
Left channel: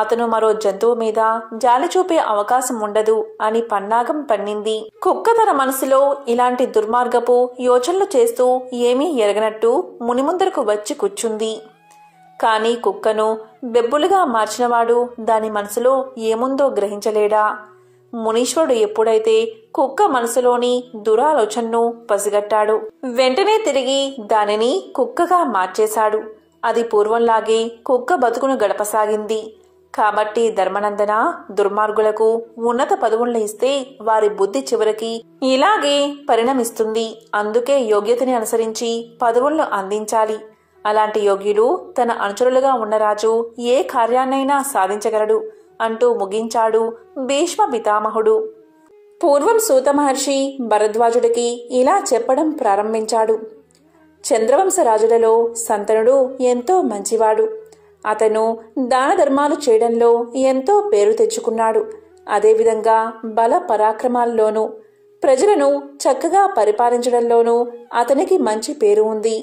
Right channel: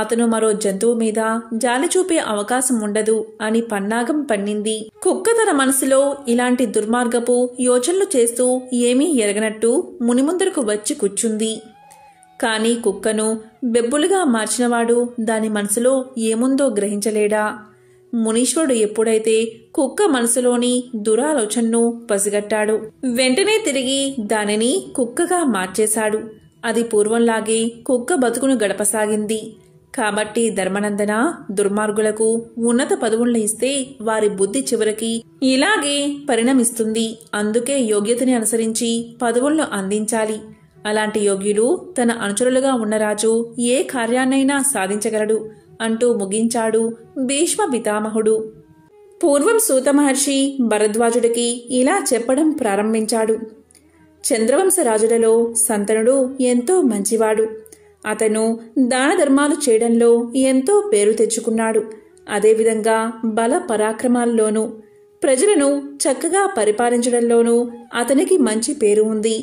అతను మరో జంతువు మీద జాలి చూపే అవకాశం ఉండదు అని పన్నాగం పన్నింది. కుక్క తన మనసులో ఇలాంటి దుర్మార్గపు యోచనలు చేస్తూ ఏమీ ఎరగనట్టు ముని ముందరకు వచ్చి కూర్చుంది. కాని కుక్కను బెబ్బులుగా మార్చినవాడు దాని మనసులో ఏముందో గ్రహించలేడా? మునీశ్వరుడు ఎప్పుడైతే కుక్క మనసులోని దురాలోచనను పసిగట్టాడు, వెంటనే తిరిగి దానిని కుక్కగా మార్చేశాడు. అది పూర్వంలాగే కుక్క బతుకును గడపసాగింది. కాబట్టి ధర్మనందన, దుర్మార్గులకు ఉన్నత పదవులను ఇస్తే వారి బుద్ధి చివరికి ఇలాగే పరిణమిస్తుంది. అందుకే యోగ్యతని అనుసరించి పదవులను అందించాలి. అలాంటి యోగ్యులు తన అనుచరులుగా ఉన్న రాజు ఏ కార్యాన్నైనా సాధించగలడు అంటూ ముగించాడు భీష్మ పితామహుడు. పూర్వం సూత మహర్షి భరద్వాజుడికి ఇలా చెప్పడం ప్రారంభించాడు. చంద్రవంశ రాజులలో శంతనుడు ఎంతో మంచివాడు. అతను దాన ధర్మాలు చేయడంలో ఎంతో పేరు తెచ్చుకున్నాడు. అదేవిధంగా బల పరాక్రమాల్లోనూ ప్రజలను చక్కగా పరిపాలించడంలోనూ అతనికి మంచి పేరు ఉంది.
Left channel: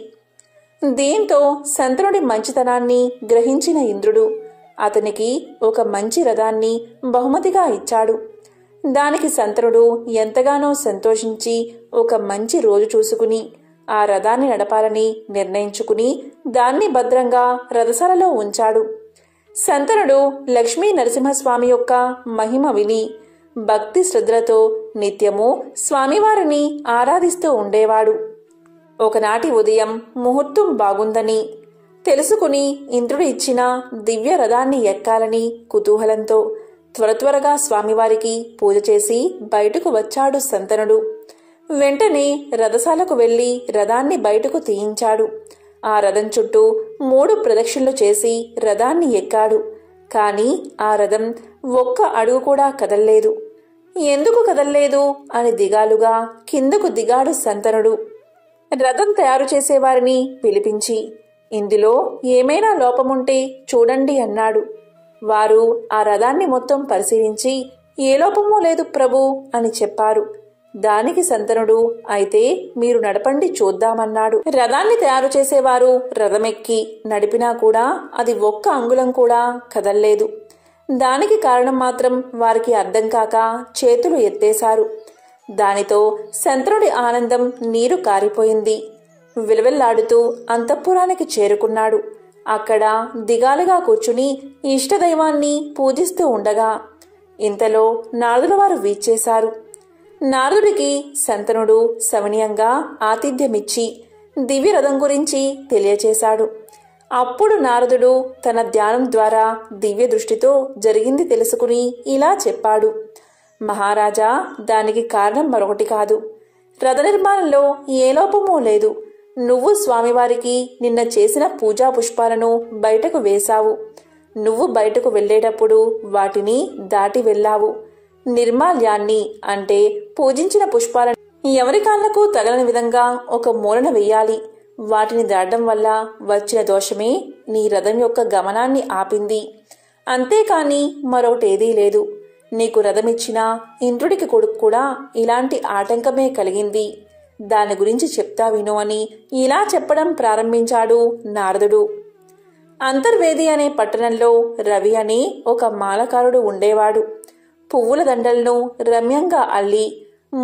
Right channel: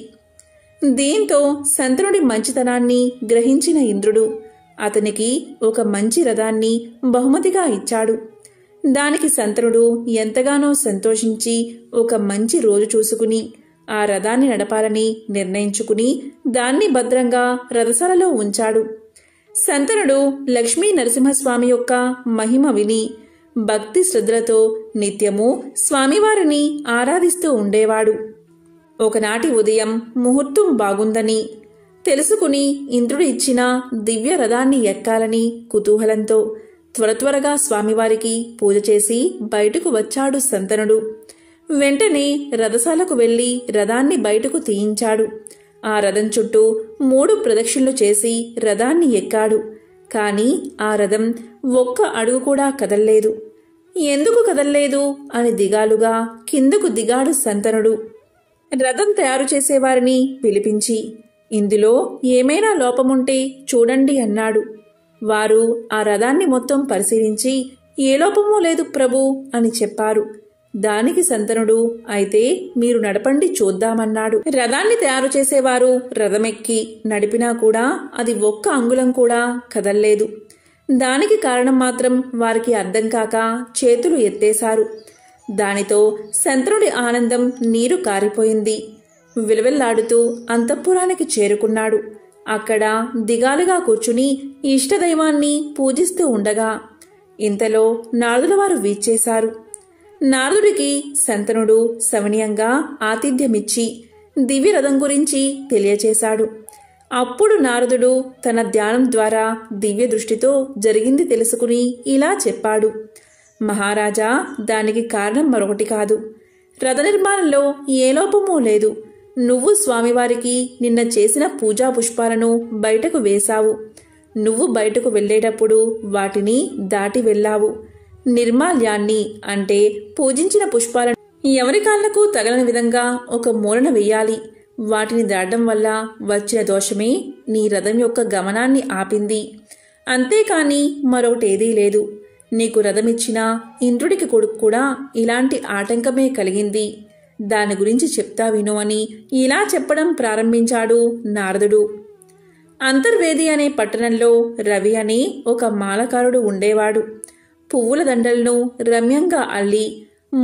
దీంతో శంతనుడి మంచితనాన్ని గ్రహించిన ఇంద్రుడు అతనికి ఒక మంచి రథాన్ని బహుమతిగా ఇచ్చాడు. దానికి శంతనుడు ఎంతగానో సంతోషించి ఒక మంచి రోజు చూసుకుని ఆ రథాన్ని నడపాలని నిర్ణయించుకుని దాన్ని భద్రంగా రథశాలలో ఉంచాడు. శంతనుడు లక్ష్మీ నరసింహస్వామి యొక్క మహిమ విని భక్తి శ్రద్ధలతో నిత్యము స్వామివారిని ఆరాధిస్తూ ఉండేవాడు. ఒకనాటి ఉదయం ముహూర్తం బాగుందని తెలుసుకుని ఇంద్రుడు ఇచ్చిన దివ్య రథాన్ని ఎక్కాలని కుతూహలంతో త్వరగా స్వామివారికి పూజ చేసి బయటకు వచ్చాడు శంతనుడు. వెంటనే రథశాలకు వెళ్లి రథాన్ని బయటకు తీయించాడు. ఆ రథం చుట్టూ 3 ప్రదక్షిణలు చేసి రథాన్ని ఎక్కాడు. కాని ఆ రథం ఒక్క అడుగు కూడా కదల్లేదు. ఎందుకు కదల్లేదు అని దిగాలుగా కిందకు దిగాడు శంతనుడు. రథం తయారు చేసేవారిని పిలిపించి ఇందులో ఏమైనా లోపముంటే చూడండి అన్నాడు. వారు ఆ రథాన్ని మొత్తం పరిశీలించి ఏ లోపమూ లేదు ప్రభు అని చెప్పారు. దానికి శంతనుడు అయితే మీరు నడపండి చూద్దామన్నాడు. రథాన్ని తయారు చేసేవారు రథమెక్కి నడిపినా కూడా అది ఒక్క అంగుళం కూడా కదల్లేదు. దానికి కారణం మాత్రం వారికి అర్థం కాక చేతులు ఎత్తేశారు. దానితో శంతనుడి ఆనందం నీరు కారిపోయింది. విలవిల్లాడుతూ అంతఃపురానికి చేరుకున్నాడు. అక్కడ దిగాలుగా కూర్చుని ఇష్టదైవాన్ని పూజిస్తూ ఉండగా ఇంతలో నారదుల వారు వీచేశారు. నారదుడికి శంతనుడు సవినయంగా ఆతిథ్యమిచ్చి దివ్యరథం గురించి తెలియచేశాడు. అప్పుడు నారదుడు తన ధ్యానం ద్వారా దివ్య దృష్టితో జరిగింది తెలుసుకుని ఇలా చెప్పాడు. మహారాజా, దానికి కారణం మరొకటి కాదు. రథ నిర్మాణంలో ఏ లోపమూ లేదు. నువ్వు స్వామివారికి నిన్న చేసిన పూజా పుష్పాలను బయటకు వేశావు. నువ్వు బయటకు వెళ్లేటప్పుడు వాటిని దాటి వెళ్ళావు. నిర్మాల్యాన్ని అంటే పూజించిన పుష్పాలను ఎవరి కాళ్లకు తగలని విధంగా ఒక మూలన వెయ్యాలి. వాటిని దాటడం వల్ల వచ్చిన దోషమే నీ రథం యొక్క గమనాన్ని ఆపింది. అంతేకాని మరొకటేదీ లేదు. నీకు రథమిచ్చిన ఇంద్రుడికి కొడుకు కూడా ఇలాంటి ఆటంకమే కలిగింది. దాని గురించి చెప్తా విను అని ఇలా చెప్పడం ప్రారంభించాడు నారదుడు. అంతర్వేది అనే పట్టణంలో రవి అని ఒక మాలకారుడు ఉండేవాడు. పువ్వుల దండలను రమ్యంగా అల్లి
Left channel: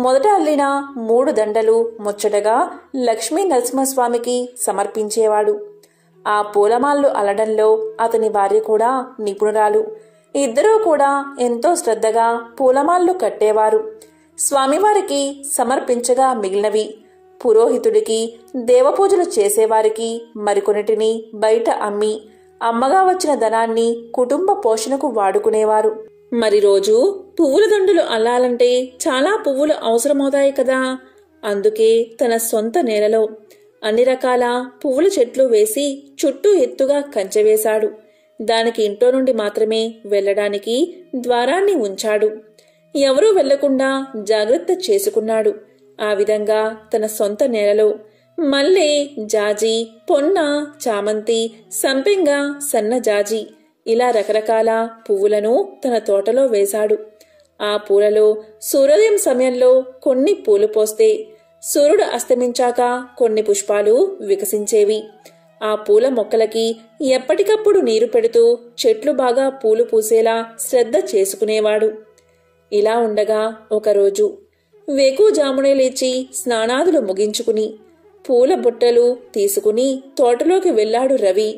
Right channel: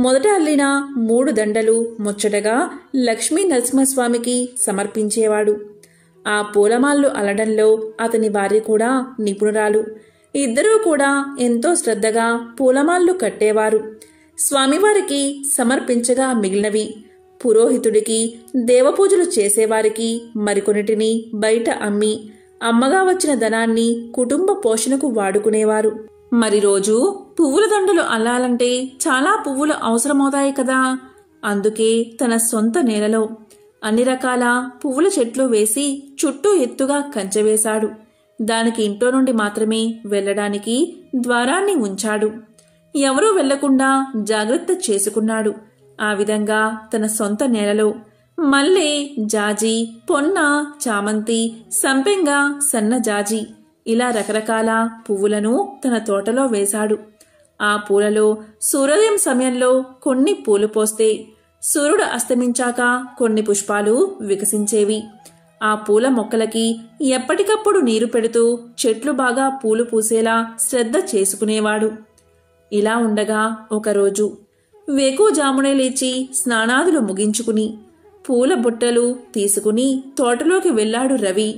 మొదట అల్లిన 3 దండలు ముచ్చటగా లక్ష్మీ నరసింహస్వామికి సమర్పించేవాడు. ఆ పూలమాలలు అల్లడంలో అతని భార్య కూడా నిపుణురాలు. ఇద్దరూ కూడా ఎంతో శ్రద్ధగా పూలమాలలు కట్టేవారు. స్వామివారికి సమర్పించగా మిగిలినవి పురోహితుడికి, దేవపూజలు చేసేవారికి మరికొన్నిటిని బయట అమ్మి అమ్మగా వచ్చిన ధనాన్ని కుటుంబ పోషణకు వాడుకునేవారు. మరి రోజు పువ్వుల దండలు అల్లాలంటే చాలా పువ్వులు అవసరమవుతాయి కదా. అందుకే తన సొంత నేలలో అన్ని రకాల పువ్వుల చెట్లు వేసి చుట్టూ ఎత్తుగా కంచె వేశాడు. దానికి ఇంట్లో నుండి మాత్రమే వెళ్లడానికి ద్వారాన్ని ఉంచాడు. ఎవరూ వెళ్లకుండా జాగ్రత్త చేసుకున్నాడు. ఆ విధంగా తన సొంత నేలలో మల్లె, జాజి, పొన్న, చామంతి, సంపెంగ, సన్నజాజి ఇలా రకరకాల పువ్వులను తన తోటలో వేశాడు. ఆ పూలలో సూర్యోదయం సమయంలో కొన్ని పూలు పోస్తే సూర్యుడు అస్తమించాక కొన్ని పుష్పాలు వికసించేవి. ఆ పూల మొక్కలకి ఎప్పటికప్పుడు నీరు పెడుతూ చెట్లు బాగా పూలు పూసేలా శ్రద్ధ చేసుకునేవాడు. ఇలా ఉండగా ఒకరోజు వేకువజామునే లేచి స్నానాదులు ముగించుకుని పూల బుట్టలు తీసుకుని తోటలోకి వెళ్లాడు రవి.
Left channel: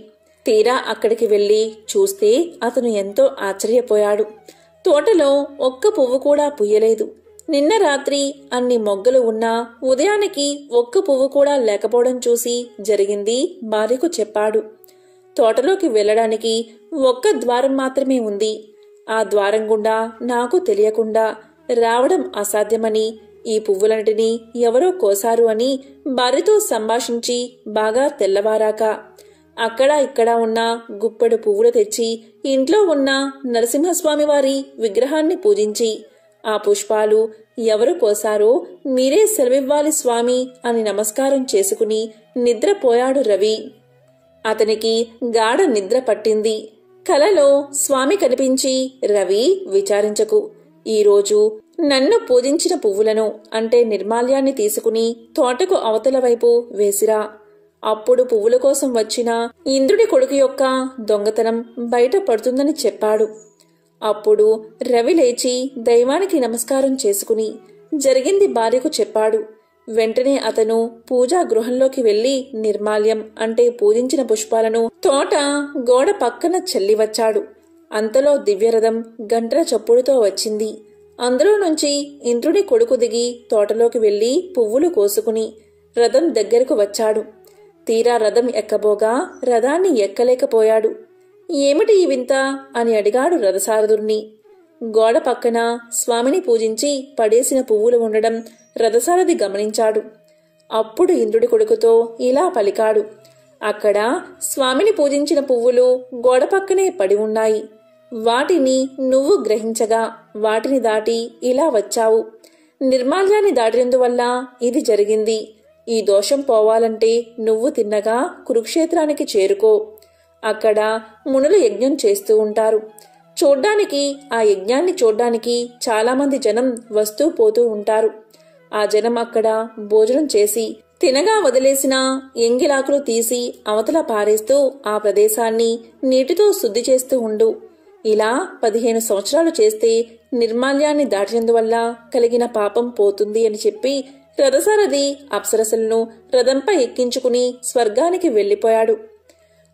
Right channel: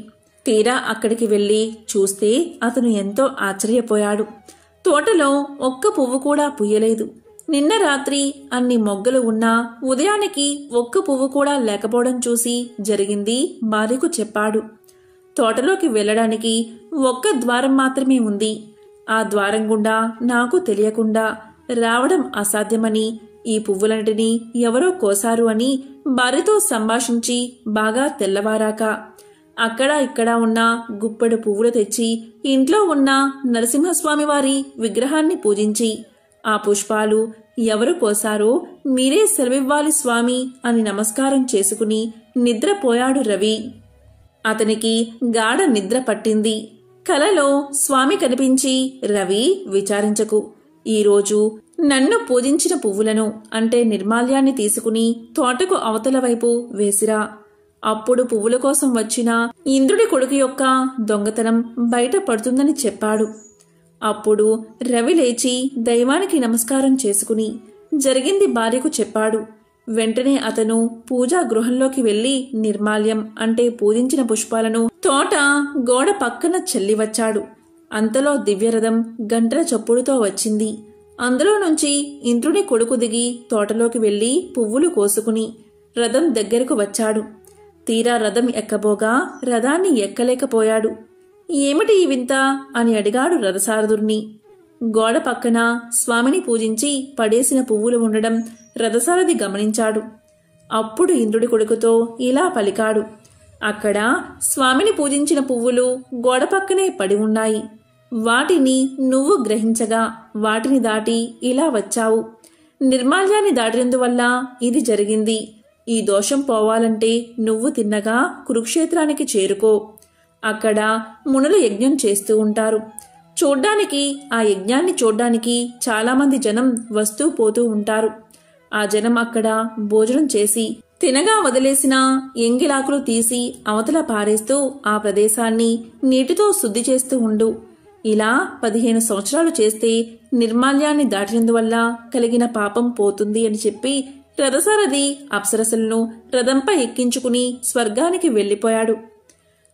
తీరా అక్కడికి వెళ్లి చూస్తే అతను ఎంతో ఆశ్చర్యపోయాడు. తోటలో ఒక్క పువ్వు కూడా పూయలేదు. నిన్న రాత్రి అన్ని మొగ్గలు ఉన్నా ఉదయానికి ఒక్క పువ్వు కూడా లేకపోవడం చూసి జరిగింది భార్యకు చెప్పాడు. తోటలోకి వెళ్లడానికి ఒక్క ద్వారం మాత్రమే ఉంది. ఆ ద్వారం గుండా నాకు తెలియకుండా రావడం అసాధ్యమని, ఈ పువ్వులన్నిటినీ ఎవరో కోసారు అని భార్యతో సంభాషించి బాగా తెల్లవారాక అక్కడ ఇక్కడ ఉన్న గుప్పెడు పువ్వులు తెచ్చి ఇంట్లో ఉన్న నరసింహస్వామి వారి విగ్రహాన్ని పూజించి ఆ పుష్పాలు ఎవరు పోసారో మీరే సెలవివ్వాలి స్వామి అని నమస్కారం చేసుకుని నిద్రపోయాడు రవి. అతనికి గాఢ నిద్ర పట్టింది. కలలో స్వామి కనిపించి, రవి, విచారించకు. ఈరోజు నన్ను పూజించిన పువ్వులను అంటే నిర్మాల్యాన్ని తీసుకుని తోటకు అవతల వైపు వేసిరా. అప్పుడు పువ్వుల కోసం వచ్చిన ఇంద్రుడి కొడుకు యొక్క దొంగతనం బయట పడుతుందని చెప్పాడు. అప్పుడు రవి లేచి దైవానికి నమస్కారం చేసుకుని జరిగింది భార్యకు చెప్పాడు. వెంటనే అతను పూజా గృహంలోకి వెళ్లి నిర్మాల్యం అంటే పూజించిన పుష్పాలను తోట గోడ పక్కన చల్లివచ్చాడు. అంతలో దివ్యరథం గంటల చప్పుడుతో వచ్చింది. అందులో నుంచి ఇంద్రుడి కొడుకు దిగి తోటలోకి వెళ్లి పువ్వులు కోసుకుని రథం దగ్గరకు వచ్చాడు. తీరా రథం ఎక్కబోగా రథాన్ని ఎక్కలేకపోయాడు. ఏమిటి ఈ వింత అని అడిగాడు రథసారథుణ్ణి. గోడ పక్కన స్వామిని పూజించి పడేసిన పువ్వులు ఉండడం రథసారథి గమనించాడు. అప్పుడు ఇంద్రుడి కొడుకుతో ఇలా పలికాడు. అక్కడ స్వామిని పూజించిన పువ్వులు గోడ పక్కనే పడి ఉన్నాయి. వాటిని నువ్వు గ్రహించగా వాటిని దాటి ఇలా వచ్చావు. నిర్మాల్యాన్ని దాటినందువల్ల ఇది జరిగింది. ఈ దోషం పోవాలంటే నువ్వు తిన్నగా కురుక్షేత్రానికి చేరుకో. అక్కడ మునులు యజ్ఞం చేస్తూ ఉంటారు. చూడ్డానికి ఆ యజ్ఞాన్ని చూడ్డానికి చాలామంది జనం వస్తూ పోతూ ఉంటారు. ఆ జనం అక్కడ భోజనం చేసి తినగా వదిలేసిన ఎంగిలాకులు తీసి అవతల పారేస్తూ ఆ ప్రదేశాన్ని నీటితో శుద్ధి చేస్తూ ఉండు. ఇలా 15 సంవత్సరాలు చేస్తే నిర్మాల్యాన్ని దాటినందువల్ల కలిగిన పాపం పోతుంది అని చెప్పి రథసారథి అప్సరసలను రథంపై ఎక్కించుకుని స్వర్గానికి వెళ్లిపోయాడు.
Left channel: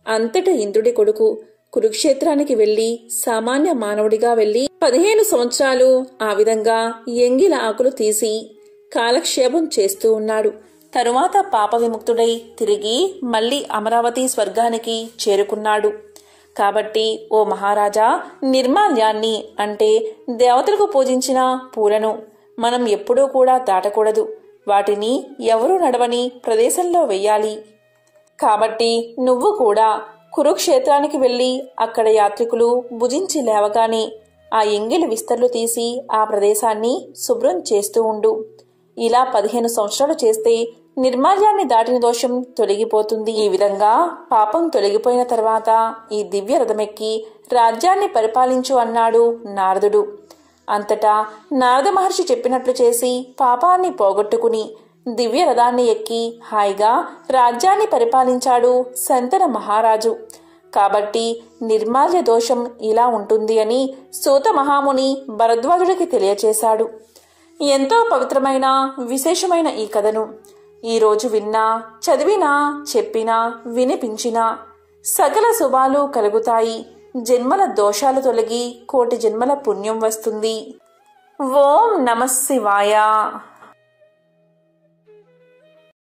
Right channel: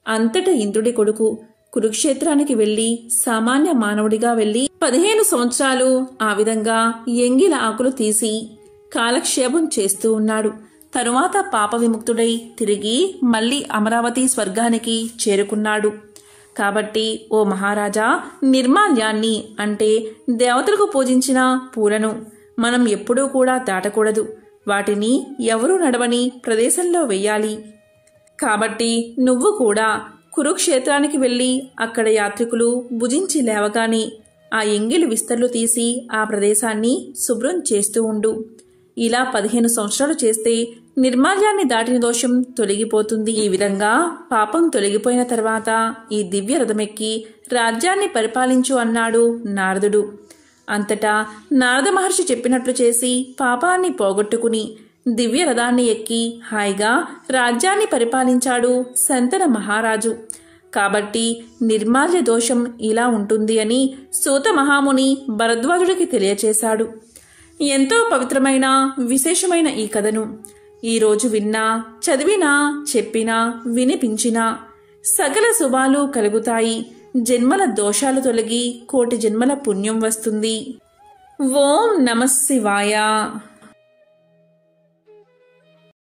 అంతట ఇంద్రుడి కొడుకు కురుక్షేత్రానికి వెళ్లి సామాన్య మానవుడిగా వెళ్లి 15 సంవత్సరాలు ఆ విధంగా ఎంగిల ఆకులు తీసి కాలక్షేపం చేస్తూ ఉన్నాడు. తరువాత పాప విముక్తుడై తిరిగి మళ్లీ అమరావతి స్వర్గానికి చేరుకున్నాడు. కాబట్టి ఓ మహారాజా, నిర్మాల్యాన్ని అంటే దేవతలకు పూజించిన పూలను మనం ఎప్పుడూ కూడా దాటకూడదు. వాటిని ఎవరూ నడవని ప్రదేశంలో వెయ్యాలి. కాబట్టి నువ్వు కూడా కురుక్షేత్రానికి వెళ్లి అక్కడ యాత్రికులు భుజించి లేవగానే ఆ ఎంగిలి విస్తర్లు తీసి ఆ ప్రదేశాన్ని శుభ్రం చేస్తూ ఉండు. ఇలా 15 సంవత్సరాలు చేస్తే నిర్మాల్యాన్ని దాటిన దోషం తొలగిపోతుంది. ఈ విధంగా పాపం తొలగిపోయిన తర్వాత ఈ దివ్య రథమెక్కి రాజ్యాన్ని పరిపాలించు అన్నాడు నారదుడు. అంతటా నారద మహర్షి చెప్పినట్లు చేసి పాపాన్ని పోగొట్టుకుని దివ్య రథాన్ని ఎక్కి హాయిగా రాజ్యాన్ని పరిపాలించాడు శంతన మహారాజు. కాబట్టి నిర్మాల్య దోషం ఇలా ఉంటుంది అని సూత మహాముని భరద్వాజుడికి తెలియచేశాడు. ఎంతో పవిత్రమైన విశేషమైన ఈ కథను ఈరోజు విన్నా, చదివినా, చెప్పినా, వినిపించినా సకల శుభాలు కలుగుతాయి. జన్మల దోషాలు తొలగి కోటి జన్మల పుణ్యం వస్తుంది. ఓం నమః శివాయ.